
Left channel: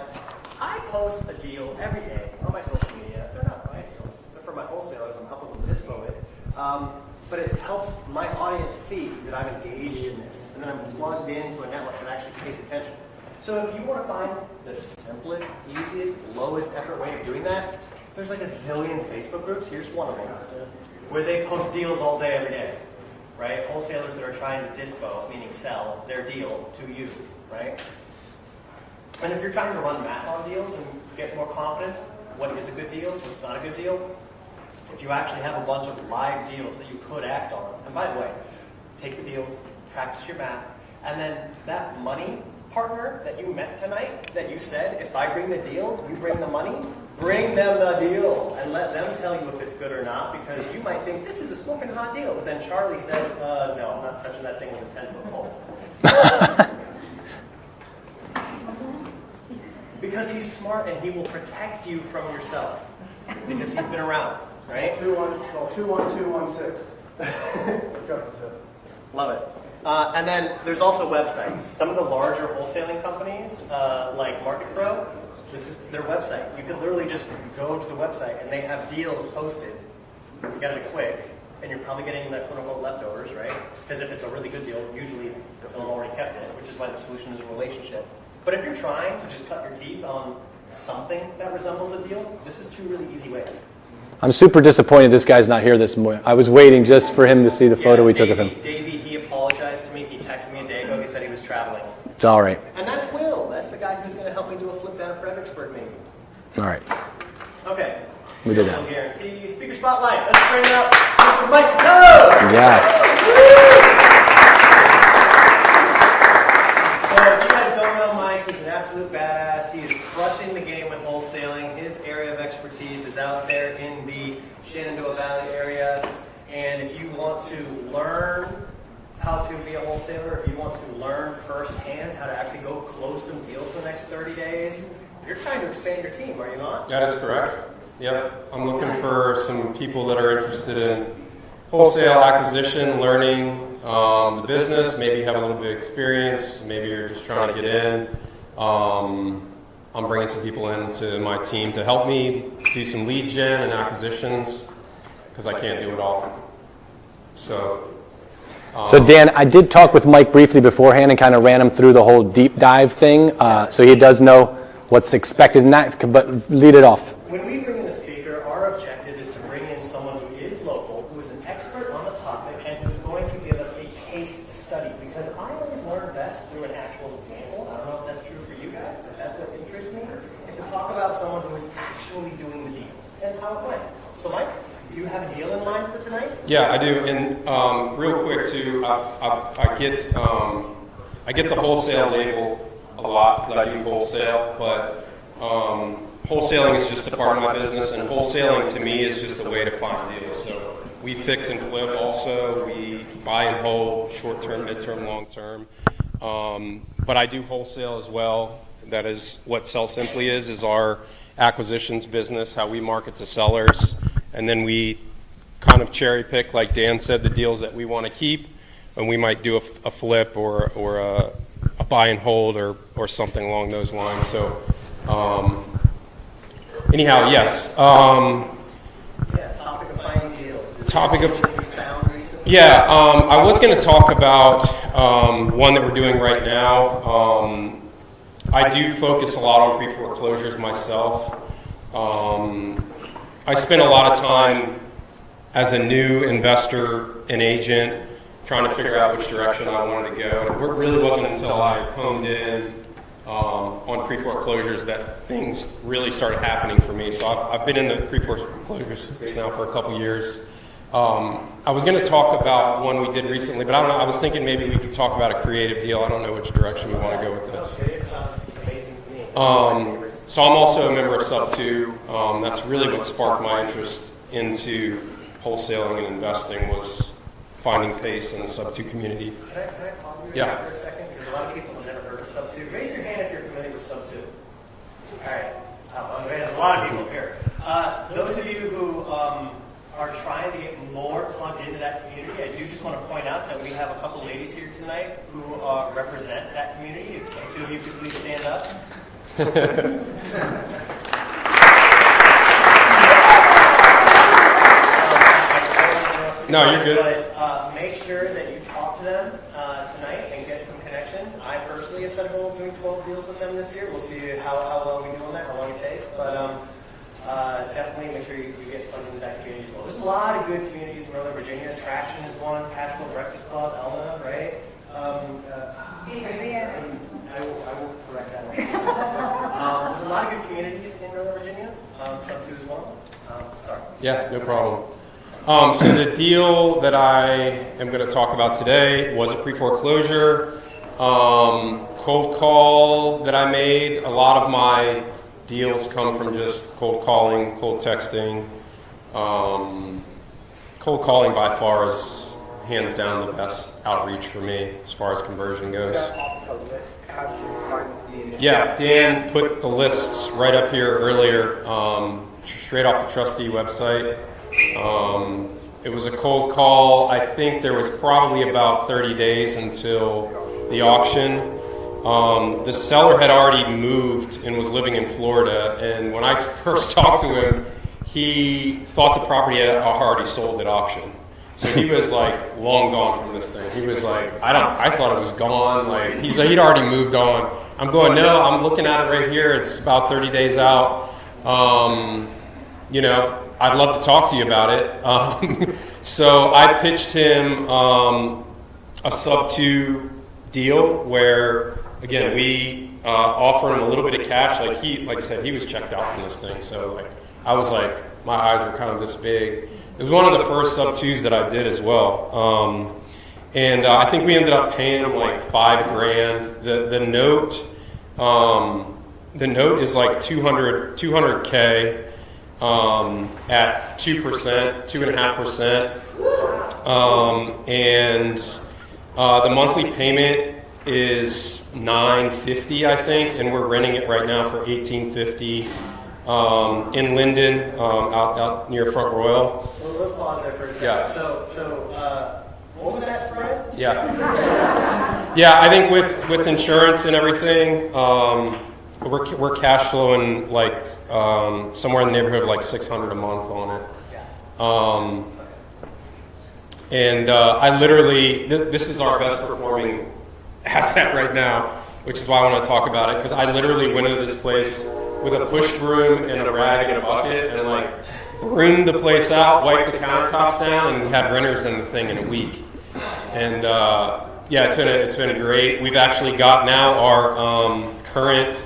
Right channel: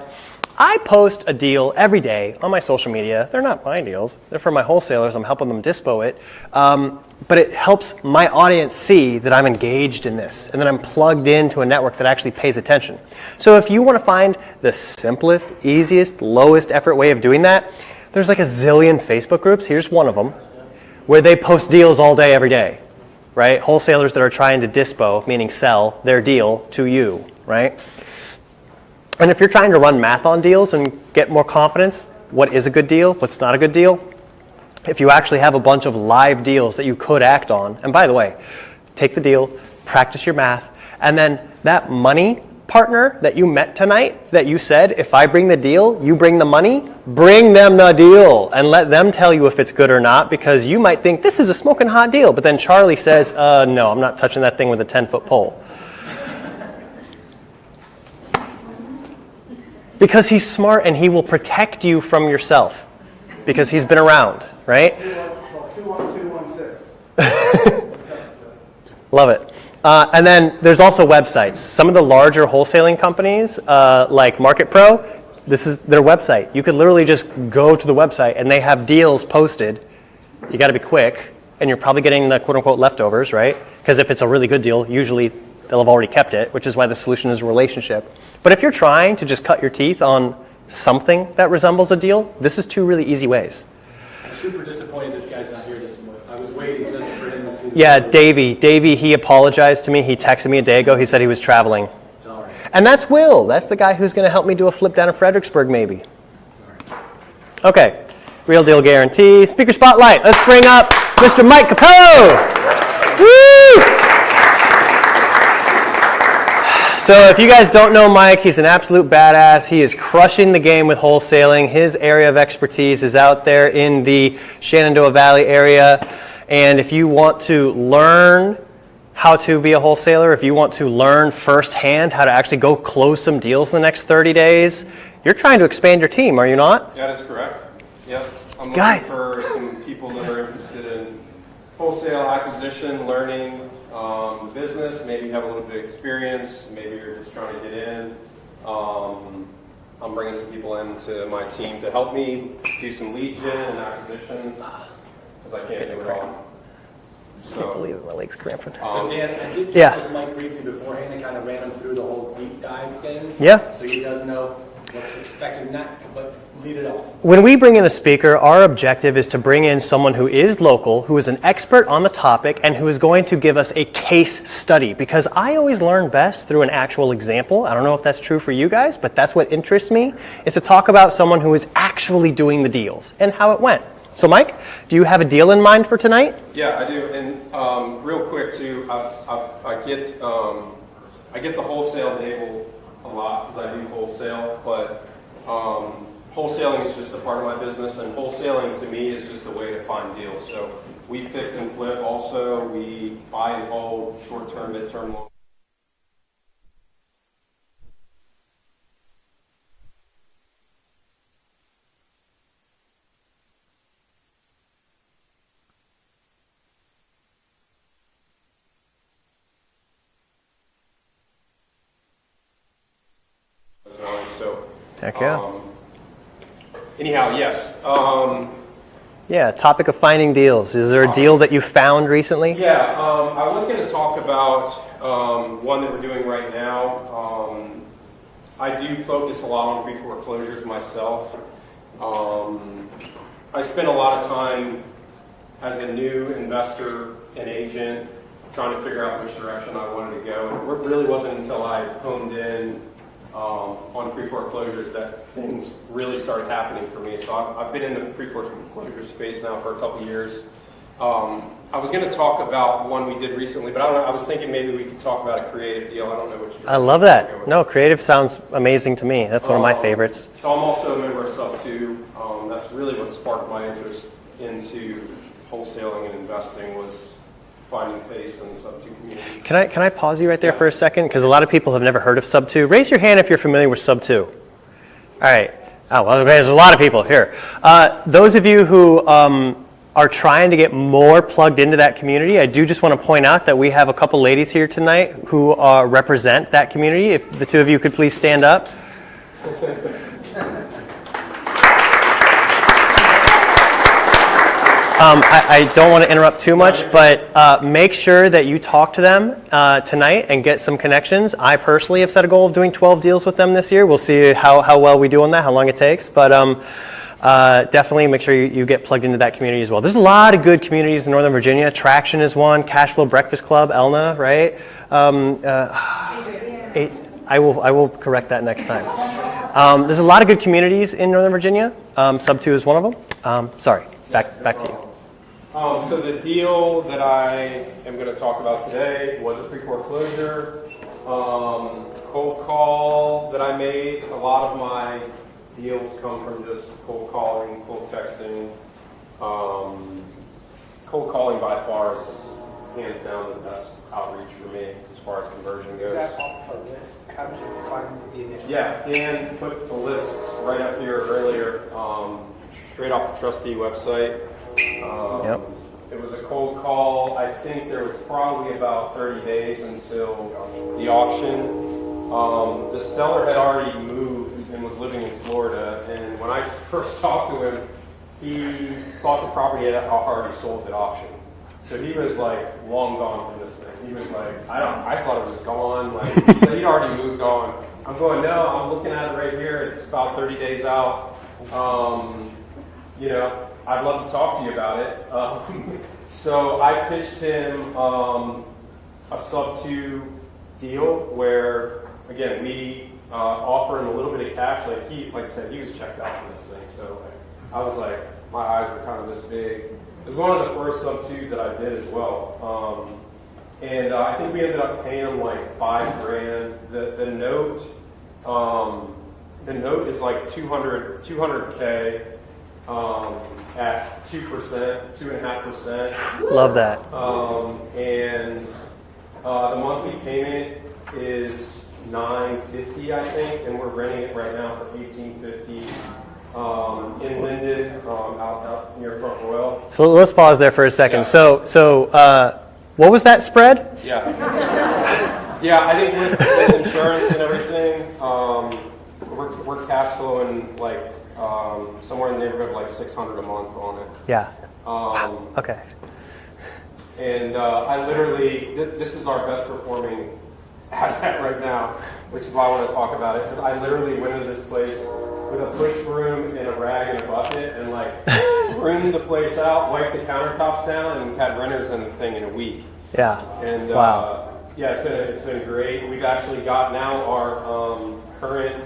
I post a deal every day on my social media. They're not my deals. They're for my wholesalers. I'm helping them dispo it. But it helps my audience see that I'm engaged in this and that I'm plugged into a network that actually pays attention. So if you want to find the simplest, easiest, lowest effort way of doing that, there's like a zillion Facebook groups. Here's one of them where they post deals all day, every day, right? Wholesalers that are trying to dispo, meaning sell their deal to you, right? And if you're trying to run math on deals and get more confidence, what is a good deal, what's not a good deal, if you actually have a bunch of live deals that you could act on, and by the way, take the deal, practice your math, and then that money partner that you met tonight, that you said, if I bring the deal, you bring the money, bring them the deal and let them tell you if it's good or not, because you might think this is a smoking hot deal, but then Charlie says, no, I'm not touching that thing with a 10-foot pole. Because he's smart and he will protect you from yourself because he's been around, right? 21216. Love it. And then there's also websites. Some of the larger wholesaling companies, like Market Pro, this is their website. You could literally just go to the website and they have deals posted. You got to be quick, and you're probably getting the quote-unquote leftovers, right? Because if it's a really good deal, usually they'll have already kept it, which is why the solution is a relationship. But if you're trying to just cut your teeth on something that resembles a deal, this is 2 really easy ways. I'm super disappointed this guy's not here this morning. I was waiting just for him to see the photo. Yeah, we took of him. Davey, he apologized to me. He texted me a day ago. He said he was traveling. It's all right. And that's Will. That's the guy who's going to help me do a flip down in Fredericksburg, maybe. All right. Okay. Real deal guarantee. Speaker spotlight. Let's bring up Mr. Mike Capone. Yes. Woo! So if you guys don't know Mike, he's an absolute badass. He is crushing the game with wholesaling. His area of expertise is out there in the Shenandoah Valley area. And if you want to learn how to be a wholesaler, if you want to learn firsthand how to actually go close some deals in the next 30 days, you're trying to expand your team, are you not? That is correct. Yep. I'm looking Guys. for some people that are interested in wholesale acquisition, learning the business, maybe have a little bit of experience, maybe you're just trying to get in. I'm bringing some people into my team to help me do some lead gen and acquisitions because I can't do it all. So, So Dan, I did talk Yeah. with Mike briefly beforehand and kind of ran him through the whole deep dive thing. Yeah. So he does know what's expected in that, but lead it off. When we bring in a speaker, our objective is to bring in someone who is local, who is an expert on the topic, and who is going to give us a case study. Because I always learn best through an actual example. I don't know if that's true for you guys, but that's what interests me, is to talk about someone who is actually doing the deals and how it went. So Mike, do you have a deal in mind for tonight? yeah, I do. And real quick too, I get the wholesale label a lot because I do wholesale, but wholesaling is just a part of my business, and wholesaling to me is just a way to find deals. So we fix and flip also, we buy and hold, short-term, mid-term, long-term. But I do wholesale as well. That is what Sell Simply is our acquisitions business, how we market to sellers, and then we kind of cherry pick, like Dan said, the deals that we want to keep, and we might do a flip or a buy and hold or something along those lines. So anyhow, yes. Yeah, topic of finding deals. Is there a deal that you found recently? Yeah, I was going to talk about one that we're doing right now. I do focus a lot on pre-foreclosures myself. I spend a lot of time as a new investor and agent trying to figure out which direction I wanted to go. It really wasn't until I honed in on pre-foreclosures that things really started happening for me. So I've been in the pre-foreclosure space now for a couple years. I was going to talk about one we did recently, but I don't know, I was thinking maybe we could talk about a creative deal. I don't know which direction. I love that. No, creative sounds amazing to me. That's one of my favorites. So I'm also a member of Sub 2. That's really what sparked my interest into wholesaling and investing, was finding pace in the Sub 2 community. Can I pause you right there Yeah. for a second? Because a lot of people have never heard of Sub 2. Raise your hand if you're familiar with Sub 2. All right. Oh, well, there's a lot of people here. Those of you who are trying to get more plugged into that community, I do just want to point out that we have a couple ladies here tonight who represent that community. If the two of you could please stand up. I don't want to interrupt too much, but make sure that you talk to them tonight and get some connections. I personally have set a goal of doing 12 deals with them this year. We'll see how well we do on that, how long it takes. But definitely make sure you get plugged into that community as well. There's a lot of good communities in Northern Virginia. Traction is one. Cashflow Breakfast Club, Elna, right? I will correct that next time. There's a lot of good communities in Northern Virginia. Sub 2 is one of them. Sorry, Yeah, back no to you. problem. So the deal that I am going to talk about today was a pre-foreclosure cold call that I made. A lot of my deals come from just cold calling, cold texting. Cold calling by far is hands down the best outreach for me as far as conversion goes. How did you find the initial? Yeah, Dan put the lists right up here earlier, straight off the trustee website. It was a cold call. I think there was probably about 30 days until the auction. The seller had already moved and was living in Florida, and when I first talked to him, he thought the property had already sold at auction. So he was like long gone from this thing. He was like, I thought it was gone. Like he'd already moved on. I'm going, no, I'm looking at it right here. It's about 30 days out. You know, I'd love to talk to you about it. So I pitched him a sub 2 deal where, again, we offer him a little bit of cash. Like I said, he was checked out from this thing. So I was like, my eyes were kind of this big. It was one of the first sub 2s that I did as well. And I think we ended up paying him like $5,000. The note is like 200K at 2%, 2.5%. Love that. And the monthly payment is $950, I think, and we're renting it right now for $1,850 in Linden, out near Front Royal. So let's pause there for a second. Yeah. So what was that spread? Yeah. Yeah, I think with insurance and everything, we're cash flowing like somewhere in the neighborhood of like $600 a month on it. Yeah. Okay. And I literally, this is our best performing asset right now, which is why I want to talk about it, because I literally went into this place with a push broom and a rag and a bucket and like broomed the place out, wiped the countertops down, and had renters in the thing in a week. Yeah. And yeah, it's been great. We've actually got now our current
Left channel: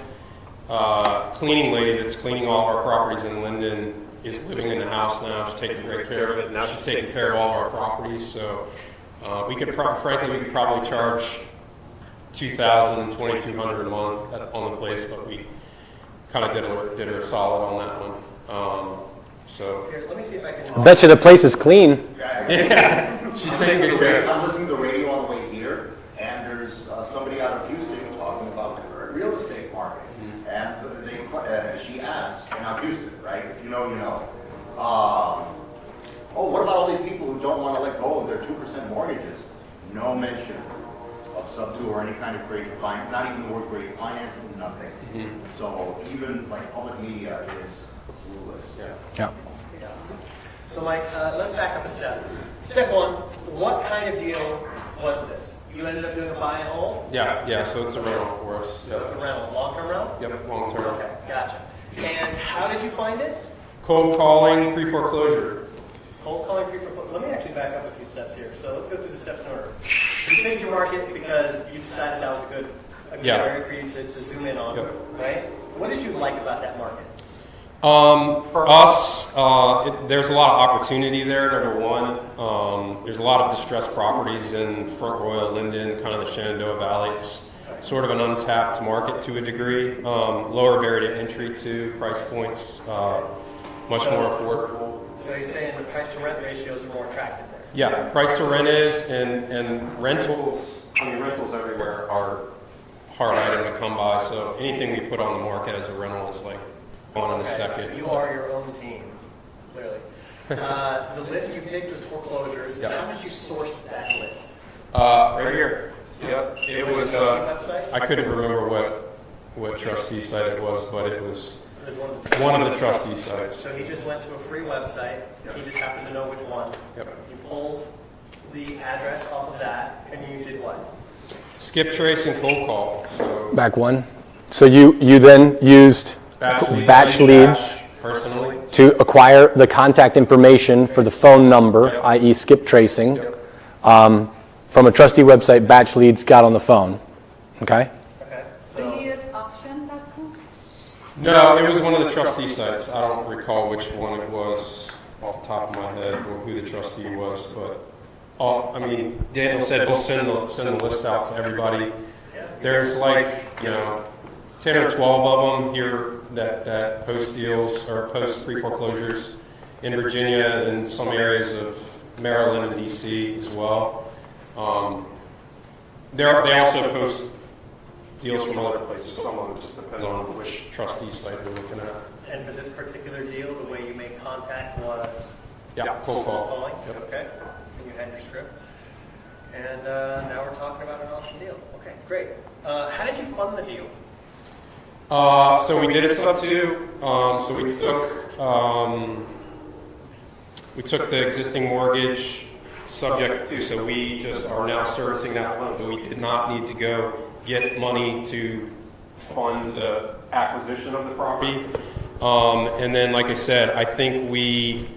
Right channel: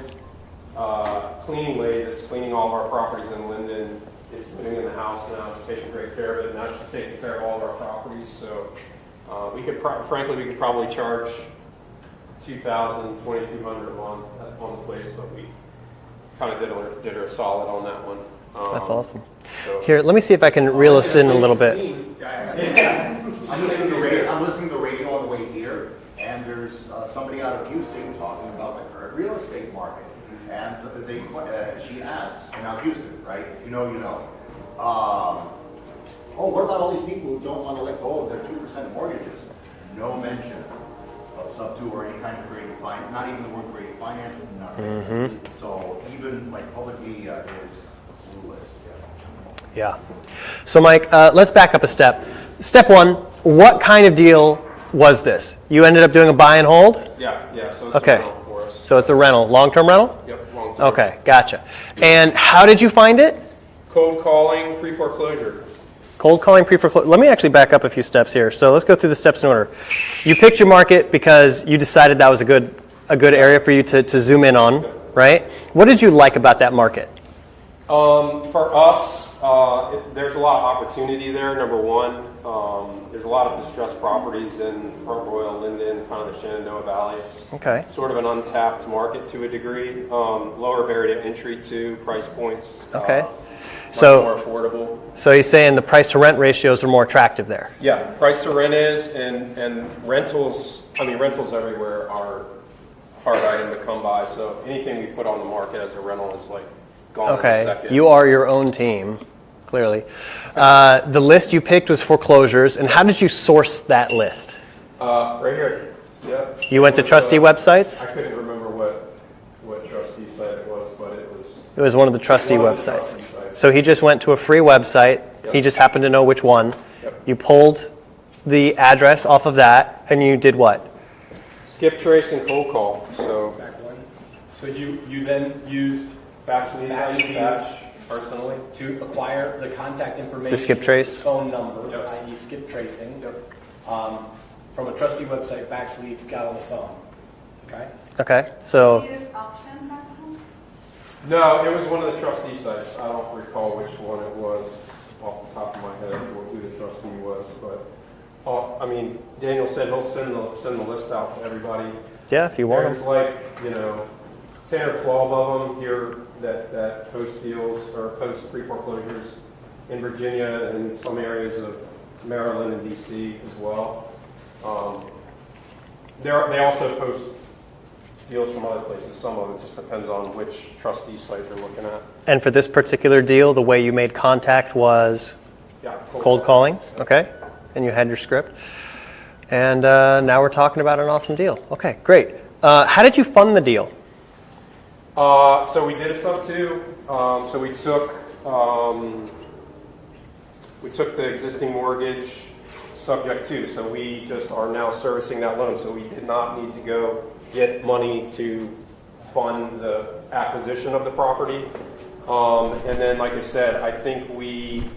cleaning lady that's cleaning all of our properties in Linden is living in the house now. She's taking great care of it. Now she's taking care of all of our properties. So we could frankly, we could probably charge $2,000, $2,200 a month on the place, but we kind of did her a solid on that one. That's awesome. So. Here, let me see if I can reel Bet you this the in a place little is bit. clean. Yeah, she's taking good care. I'm listening to the radio on the way here, and there's somebody out of Houston talking about the current real estate market. And she asks, and I'm Houston, right? If you know, you know. Oh, what about all these people who don't want to let go of their 2% mortgages? No mention of sub-2 or any kind of creative finance, not even the word creative finance, nothing. So even like public media is clueless. Yeah. Yeah. So Mike, let's back up a step. Step one, what kind of deal was this? You ended up doing a buy and hold? Yeah, so it's Okay. a rental for us. So it's a rental, long-term rental? Yep, long-term. Okay, gotcha. And how did you find it? Cold calling, pre-foreclosure. Cold calling, pre-foreclosure. Let me actually back up a few steps here. So let's go through the steps in order. You picked your market because you decided that was a good area for you to zoom in on, right? What did you like about that market? For us, there's a lot of opportunity there, number one. There's a lot of distressed properties in Front Royal, Linden, kind of the Shenandoah Valley. It's Okay. sort of an untapped market to a degree. Lower barrier to entry to price points. Okay. Much So- more affordable. So you're saying the price to rent ratios are more attractive there? Yeah, price to rent is, and rentals, rentals everywhere are hard item to come by. So anything we put on the market as a rental is like, on the Okay, second. you are your own team, clearly. The list you picked was foreclosures, and how did you source that list? Right here. Yep. You went to trustee websites? I couldn't remember what trustee site it was, but it was It was one of the trustee one of the websites. trustee sites. So he just went to a free website. He just happened to know which one. Yep. You pulled the address off of that, and you did what? Skip trace and cold call. So Back one. So you then used batch leads personally. to acquire the contact information Skip for the trace. phone number, i.e. skip tracing. From a trustee website, batch leads got on the phone. Okay? Okay, so Use auction.com? No, it was one of the trustee sites. I don't recall which one it was off the top of my head, or who the trustee was, but Daniel said we'll send the list out to everybody. yeah, if you There's want. like 10 or 12 of them here that post deals or post pre-foreclosures in Virginia and some areas of Maryland and D.C. as well. They also post deals from other places. Some of them just depends on which trustee site they're looking at. And for this particular deal, the way you made contact was Yeah, cold calling, okay? And you had your script. And now we're talking about an awesome deal. Okay, great. How did you fund the deal? So we did a sub-2. So we took the existing mortgage subject to, so we just are now servicing that loan. So we did not need to go get money to fund the acquisition of the property. And then, like I said, I think we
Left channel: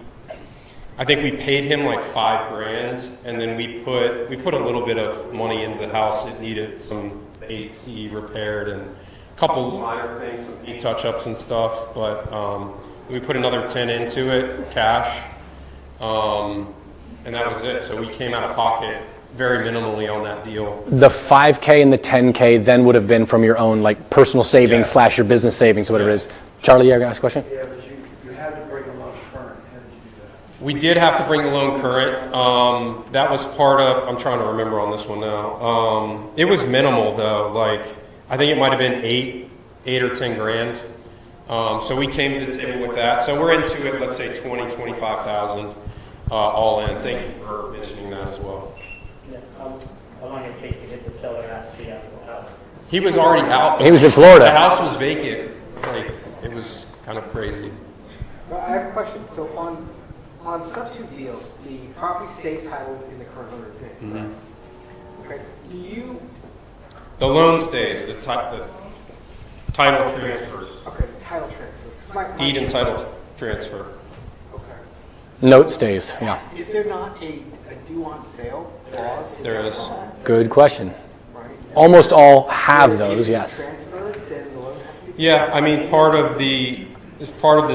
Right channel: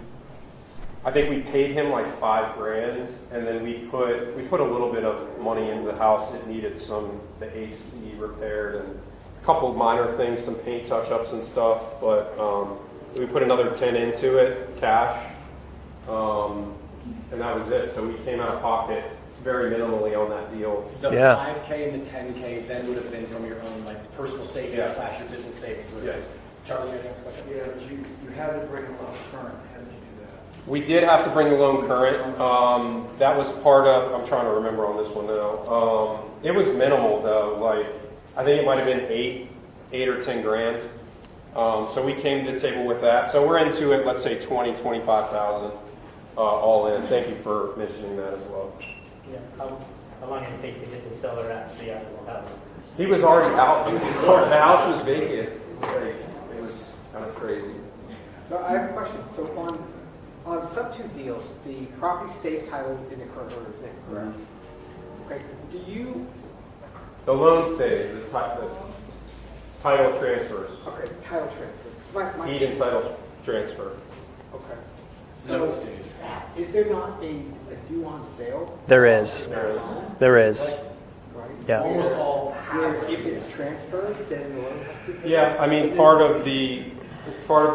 paid him like $5,000, and then we put a little bit of money into the house. It needed the AC repaired and a couple of minor things, some paint touch-ups and stuff. But we put another 10 into it, cash, and that was it. So we came out of pocket very minimally on that deal. The Yeah. 5K and the 10K then would have been from your own like personal savings Yeah. / your business savings, whatever it is. Charlie, you going to ask a question? Yeah, but you had to bring them up current. How did you do that? We did have to bring the loan current. That was part of, I'm trying to remember on this one now. It was minimal though, like, I think it might have been eight or 10 grand. So we came to the table with that. So we're into it, let's say 20, 25,000 all in. Thank you for mentioning that as well. Yeah, how long it take to get the seller actually out of the house? He was already out. He was in The Florida. house was vacant. Like, it was kind of crazy. Well, I have a question. So on On substitute deals, the property stays titled in the current owner. Mhm. Okay. Do you, The loan stays, the title transfers, okay, title transfer. deed and title transfer. Okay. Note stays, yeah. Is there not a due on sale? There is. There is. There Good is. question. Right. Yeah. Almost all have those, yes. Transfer, then the loan has to be- Yeah, I mean, part of the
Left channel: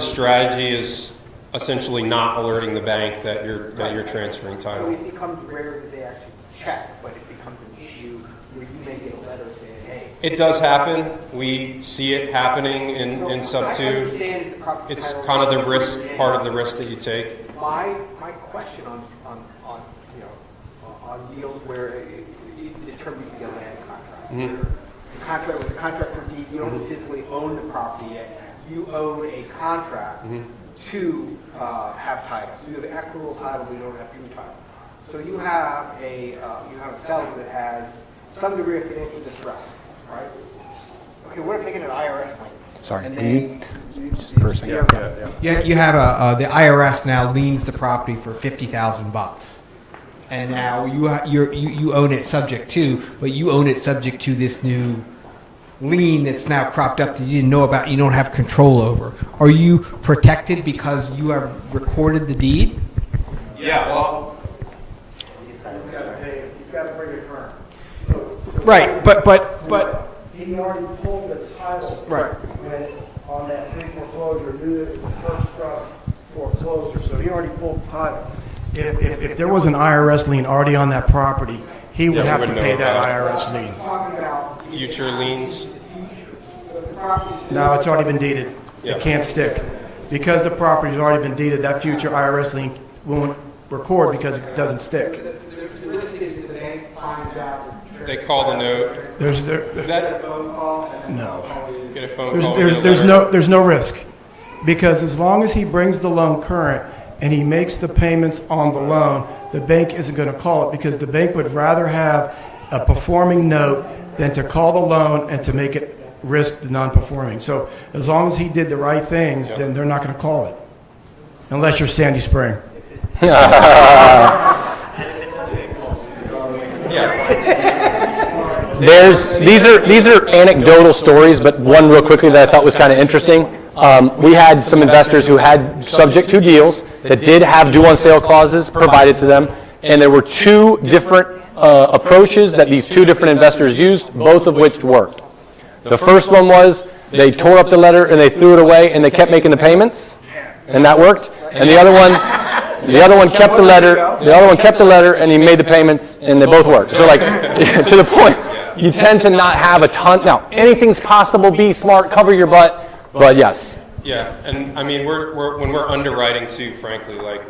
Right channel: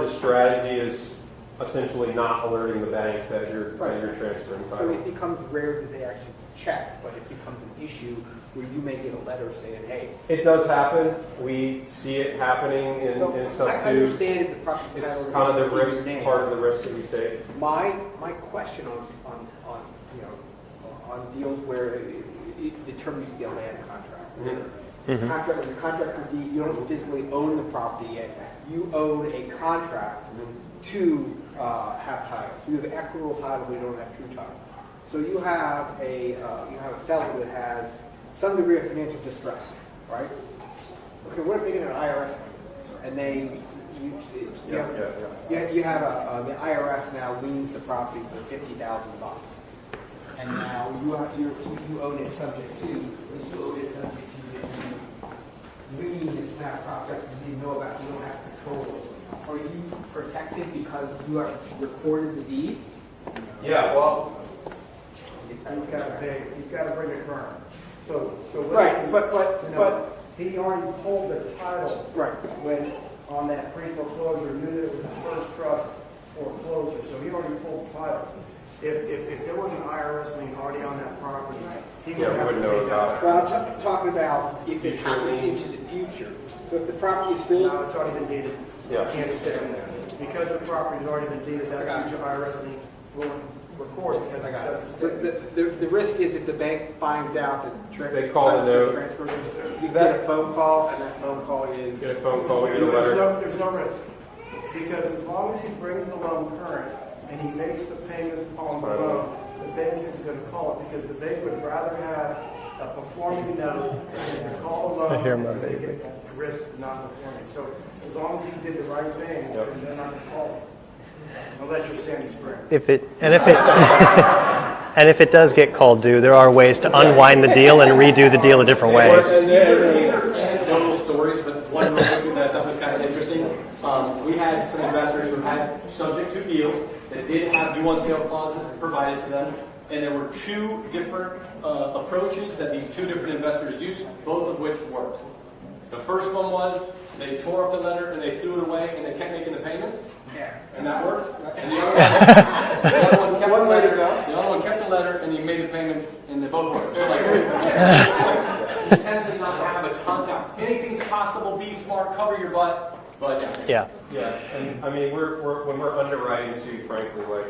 strategy is essentially not alerting the bank that you're transferring So title. it becomes rare that they actually check, but it becomes an issue where you may get a letter saying, hey. It does happen. We see it happening in So sub I two. understand if the property It's title kind of the is risk, written in. part of the risk that you take. My question on you know, on deals where the term you get a land contract. Mm-hmm. Contract with a contract for deed, you don't physically own the property yet. You own a contract Mm-hmm. to have title. So you have equitable title, but you don't have true title. So you have a seller that has some degree of financial distress, right? Okay, what if they get an IRS claim? Sorry. And they, First thing. Yeah, you have the IRS now liens the property for $50,000, and now you own it subject to, but you own it subject to this new lien that's now cropped up that you didn't know about. You don't have control over. Are you protected because you have recorded the deed? Yeah, well, He's got to bring it current. So Right, but He already pulled the title. Right. When, on that pre-foreclosure, knew that it was the first trust foreclosure, so he already pulled the title. If there was an IRS lien already on that property, he would Yeah, we have to wouldn't pay know that about IRS lien. I'm talking about Future liens? In the future. So if the property is still. No, it's already been deeded. Yeah. It can't stick. Because the property's already been deeded, that future IRS lien won't record because it doesn't stick. The risk is if the bank finds out that. They call the note. There's, You get a phone call and then the No. phone call is. Get a phone call. there's no risk. Because as long as he brings the loan current and he makes the payments on the loan, the bank isn't going to call it because the bank would rather have a performing note than to call the loan and to make it risk non-performing. So as long as he did the right things, then they're not going to call it. Unless you're Sandy Spring. And if it does get called due, there are ways to unwind the deal and redo the deal a different way. These are anecdotal stories, but one real quickly that I thought was kind of interesting. We had some investors who had subject to deals that did have due on sale clauses provided to them, and there were two different approaches that these two different investors used, both of which worked. The first one was they tore up the letter and they threw it away and they kept making the payments, and that worked. And the other one kept the letter. The other one kept the letter and he made the payments, and they both worked. So like to the point, you tend to not have a ton. Now anything's possible. Be smart, cover your butt. But yes. Yeah. Yeah, and I mean, when we're underwriting too, frankly, like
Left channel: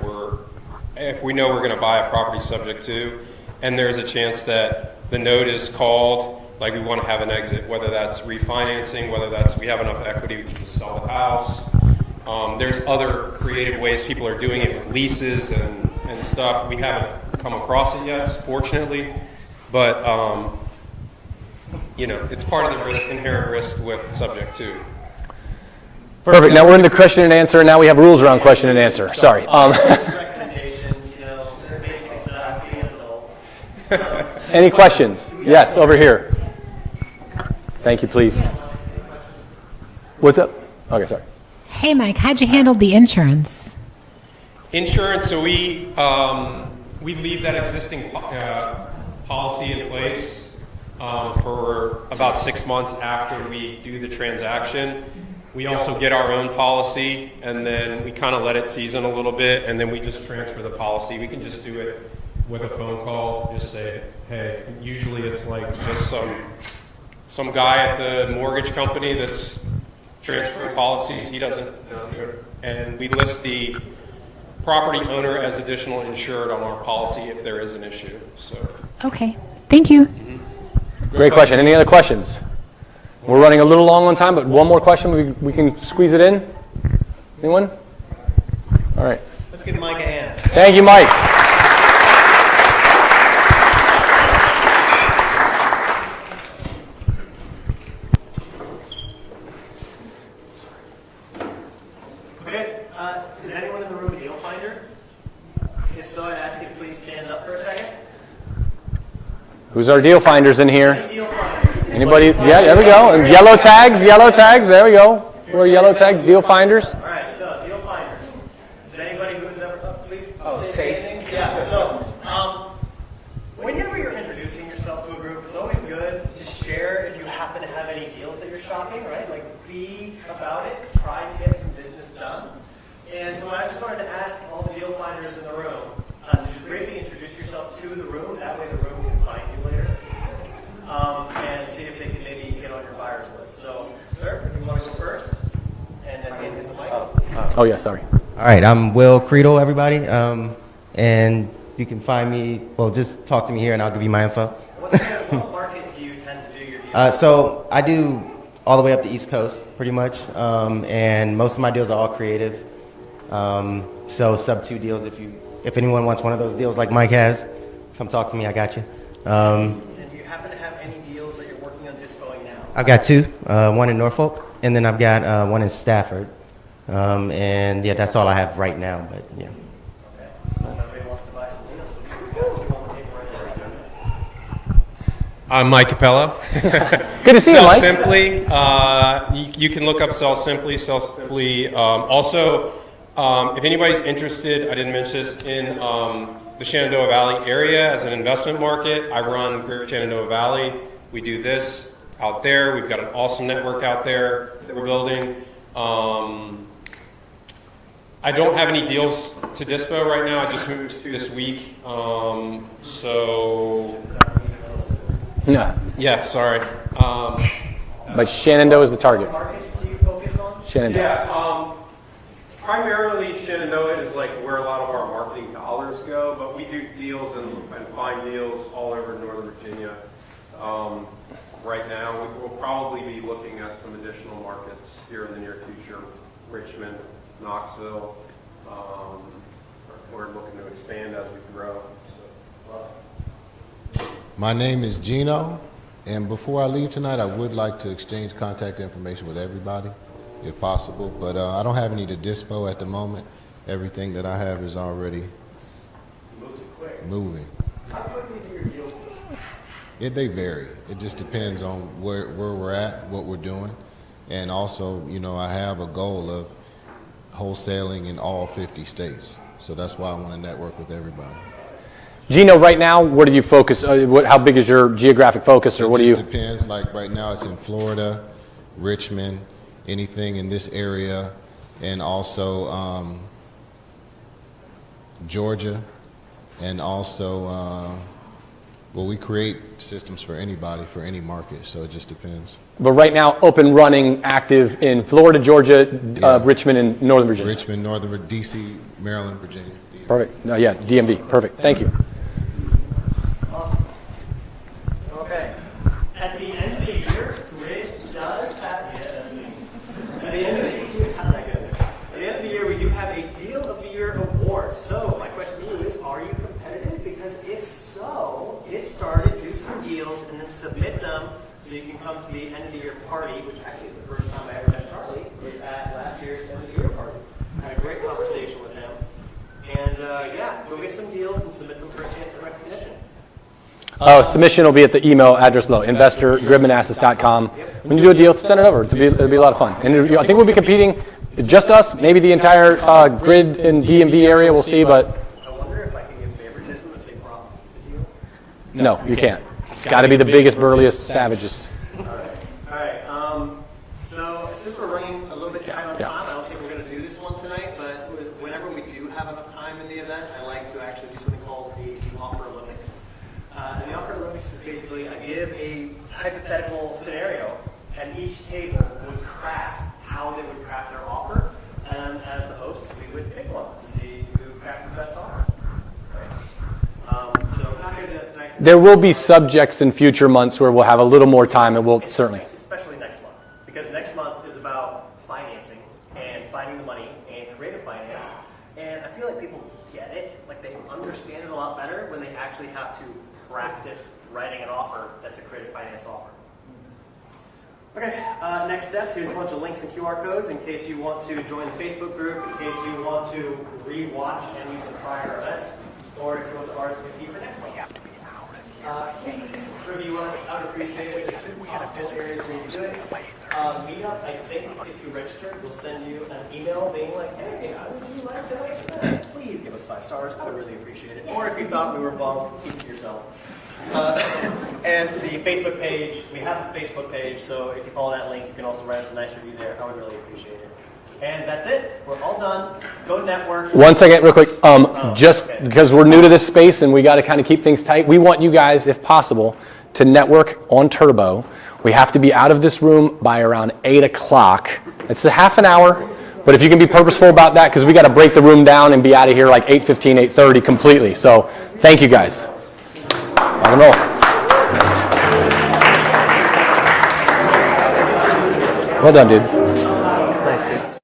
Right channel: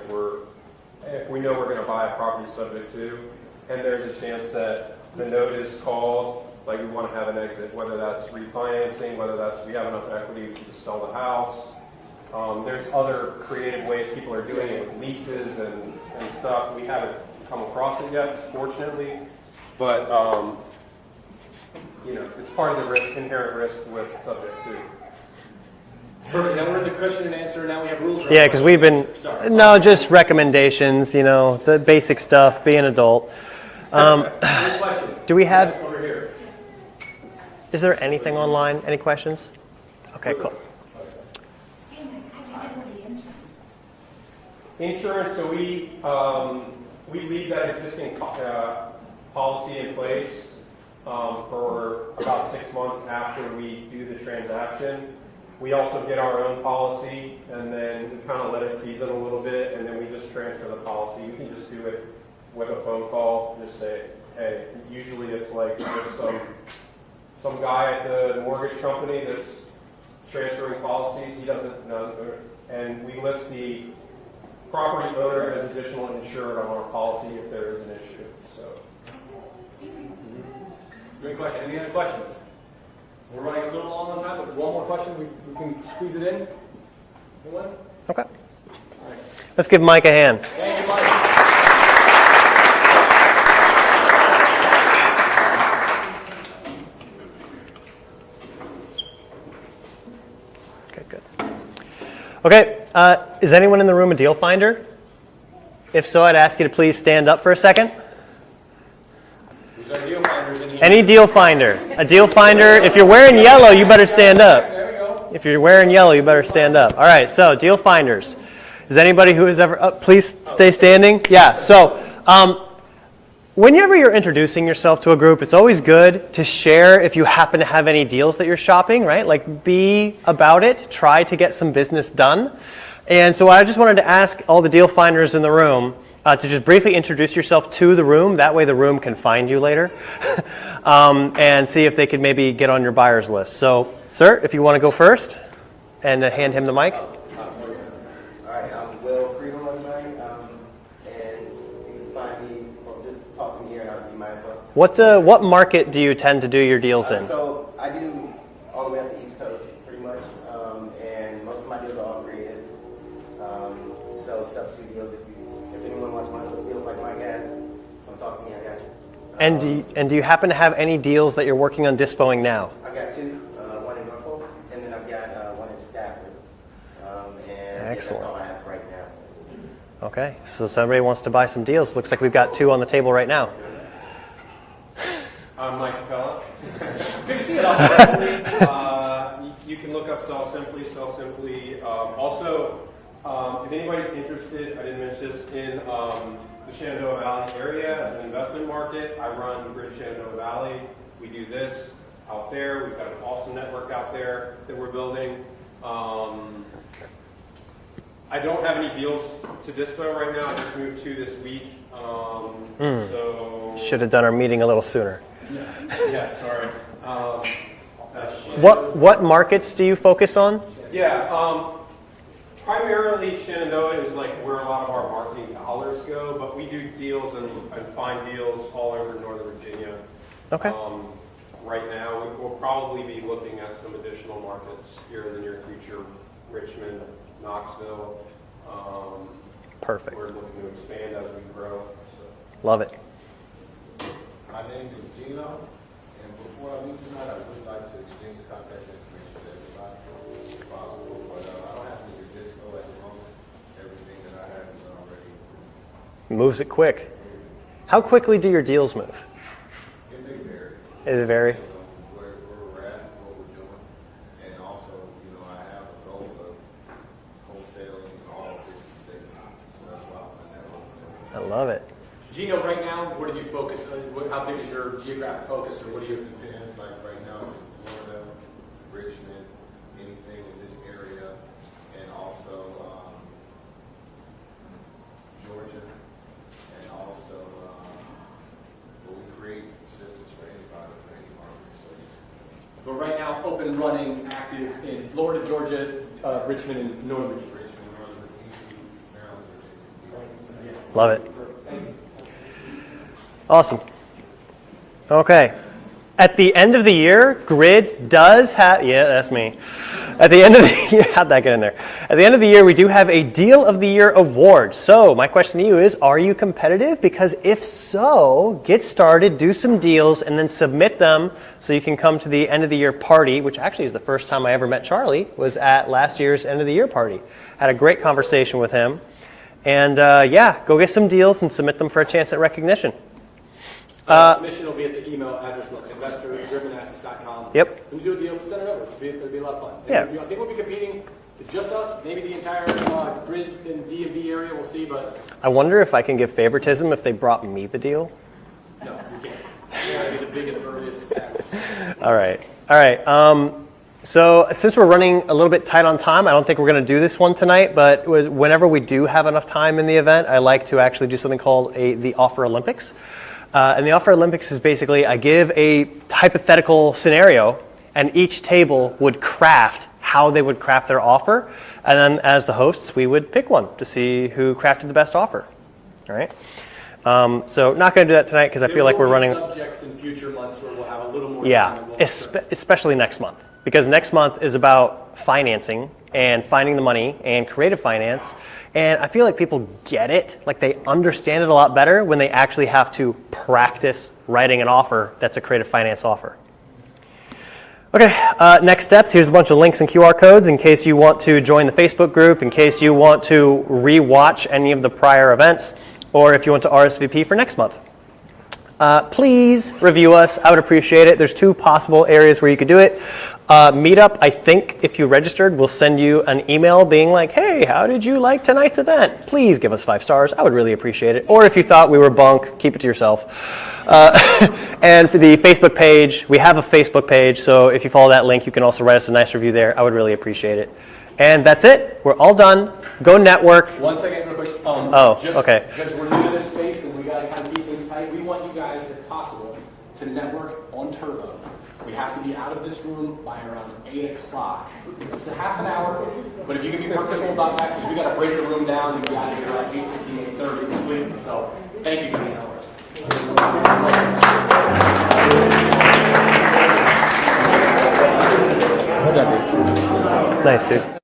if we know we're going to buy a property subject to, and there's a chance that the note is called, like we want to have an exit, whether that's refinancing, whether that's we have enough equity to sell the house. There's other creative ways people are doing it with leases and stuff. We haven't come across it yet, fortunately, but it's part of the risk, inherent risk with subject to. Perfect. Now we're in the question and answer, and now we have rules around Yeah, question and we've been- answer. Sorry. No, just recommendations, the basic stuff, be an adult. Any questions? Do we have- Yes, over here. Is there Thank you, anything please. online? Any questions? What's up? Okay, sorry. Hey, Mike, how'd you handle the insurance? Insurance, so we leave that existing policy in place for about 6 months after we do the transaction. We also get our own policy, and then we kind of let it season a little bit, and then we just transfer the policy. We can just do it with a phone call, just say, hey, usually it's like just some guy at the mortgage company that's transferring policies, he doesn't know, and we list the property owner as additional insured on our policy if there is an issue. So. Okay, thank you. Great question. Any other questions? We're running a little long on time, but one more question. We can squeeze it in. Anyone? Okay. All right. Let's give Mike a hand. Thank you, Mike. Okay, good. Okay, is anyone in the room a deal finder? If so, I'd ask you to please stand up for a second. Who's our deal finders in here? Any deal finder. Anybody? A deal finder, Yeah, there we if go. you're wearing Yellow yellow, tags, you better yellow stand tags, up. there we go. If you're wearing yellow, you tags, better deal stand finders. up. All right, so deal finders. Is anybody who has ever, please stay standing. Yeah, so whenever you're introducing yourself to a group, it's always good to share if you happen to have any deals that you're shopping, right? Like be about it, try to get some business done. And so I just wanted to ask all the deal finders in the room to just briefly introduce yourself to the room. That way the room can find you later. And see if they could maybe get on your buyer's list. So, sir, if you want to go first and hand him the mic. Oh, yeah, sorry. All right, I'm Will Creedle, everybody. And you can find me, well, just talk to me here and I'll give you my info. What market do you tend to do your deals in? So I do all the way up the East Coast, pretty much. And most of my deals are all creative. So sub 2 deals, if anyone wants one of those deals like Mike has, come talk to me, I got you. And do you happen to have any deals that you're working on dispoing now? I've got 2, one in Norfolk, and then I've got one in Stafford. And yeah, that's all I have right now, but yeah. Okay, so if somebody wants to buy some deals, looks like we've got 2 on the table right now. I'm Mike Capella. Good to see you, Mike. Sell Simply. You can look up Sell Simply. Sell Simply. Also, if anybody's interested, I didn't mention this, in the Shenandoah Valley area as an investment market, I run Greater Shenandoah Valley. We do this out there. We've got an awesome network out there that we're building. I don't have any deals to dispo right now. I just moved this week. So should have done our meeting a little sooner. No. Yeah, sorry. But Shenandoah is the target. What markets do you focus on? Shenandoah. Yeah, primarily Shenandoah is like where a lot of our marketing dollars go, but we do deals and find deals all over Northern Virginia. Okay. Right now, we'll probably be looking at some additional markets here in the near future. Richmond, Knoxville. Perfect. We're looking to expand as we grow. So. Love it. My name is Gino, and before I leave tonight, I would like to exchange contact information with everybody, if possible, but I don't have any to dispo at the moment. Everything that I have is already Moves it quick. moving. How quickly do your deals move? They vary. It just depends on where we're at, what we're doing, and also, you know, I have a goal of wholesaling in all 50 states, so that's why I want to network with everybody. I love it. Gino, right now, where do you focus? How big is your geographic focus, or what do you? It just depends. Like right now, it's in Florida, Richmond, anything in this area, and also Georgia, and also, well, we create systems for anybody, for any market, so it just depends. But right now, open, running, active in Florida, Georgia, Richmond, and Northern Virginia. Richmond, Northern, D.C., Maryland, Virginia. Perfect. Yeah, DMV. Perfect. Thank you. Awesome. Okay. At the end of the year, Grid does have, yeah, that's me. At the end of the year, how'd that get in there? At the end of the year, we do have a Deal of the Year award. So my question to you is, are you competitive? Because if so, get started, do some deals, and then submit them so you can come to the end of the year party, which actually is the first time I ever met Charlie, was at last year's end of the year party. Had a great conversation with him. And yeah, go get some deals and submit them for a chance at recognition. Submission will be at the email address below, investor@gridmanassas.com. Yep. When you do a deal, send it over. It'll be a lot of fun. And I think we'll be competing, just us, maybe the entire Grid and DMV area, we'll see, but. I wonder if I can give favoritism if they brought me the deal. No, you can't. It's got to be the biggest, burliest, savagest. All right. All right. So since we're running a little bit tight on time, I don't think we're going to do this one tonight, but whenever we do have enough time in the event, I like to actually do something called the Offer Olympics. And the Offer Olympics is basically I give a hypothetical scenario, and each table would craft how they would craft their offer. And then as the hosts, we would pick one to see who crafted the best offer. All right. So not going to do that tonight because I feel like we're running. There will be subjects in future months where we'll have a little more time, and we'll certainly. Especially next month, because next month is about financing and finding the money and creative finance. And I feel like people get it, like they understand it a lot better when they actually have to practice writing an offer that's a creative finance offer. Okay, next steps. Here's a bunch of links and QR codes in case you want to join the Facebook group, in case you want to re-watch any of the prior events, or if you want to RSVP for next month. Please review us. I would appreciate it. There's 2 possible areas where you could do it. Meetup, I think if you registered, we'll send you an email being like, hey, how did you like tonight's event? Please give us 5 stars. I would really appreciate it. Or if you thought we were bunk, keep it to yourself. And for the Facebook page, we have a Facebook page, so if you follow that link, you can also write us a nice review there. I would really appreciate it. And that's it. We're all done. Go network. One second, real quick. Just okay. because we're new to this space and we got to kind of keep things tight, we want you guys, if possible, to network on Turbo. We have to be out of this room by around 8 o'clock. It's a half an hour, but if you can be purposeful about that, because we got to break the room down and be out of here like 8:15, 8:30 completely. So thank you guys. Rock and roll. Well done, dude. Nice, dude.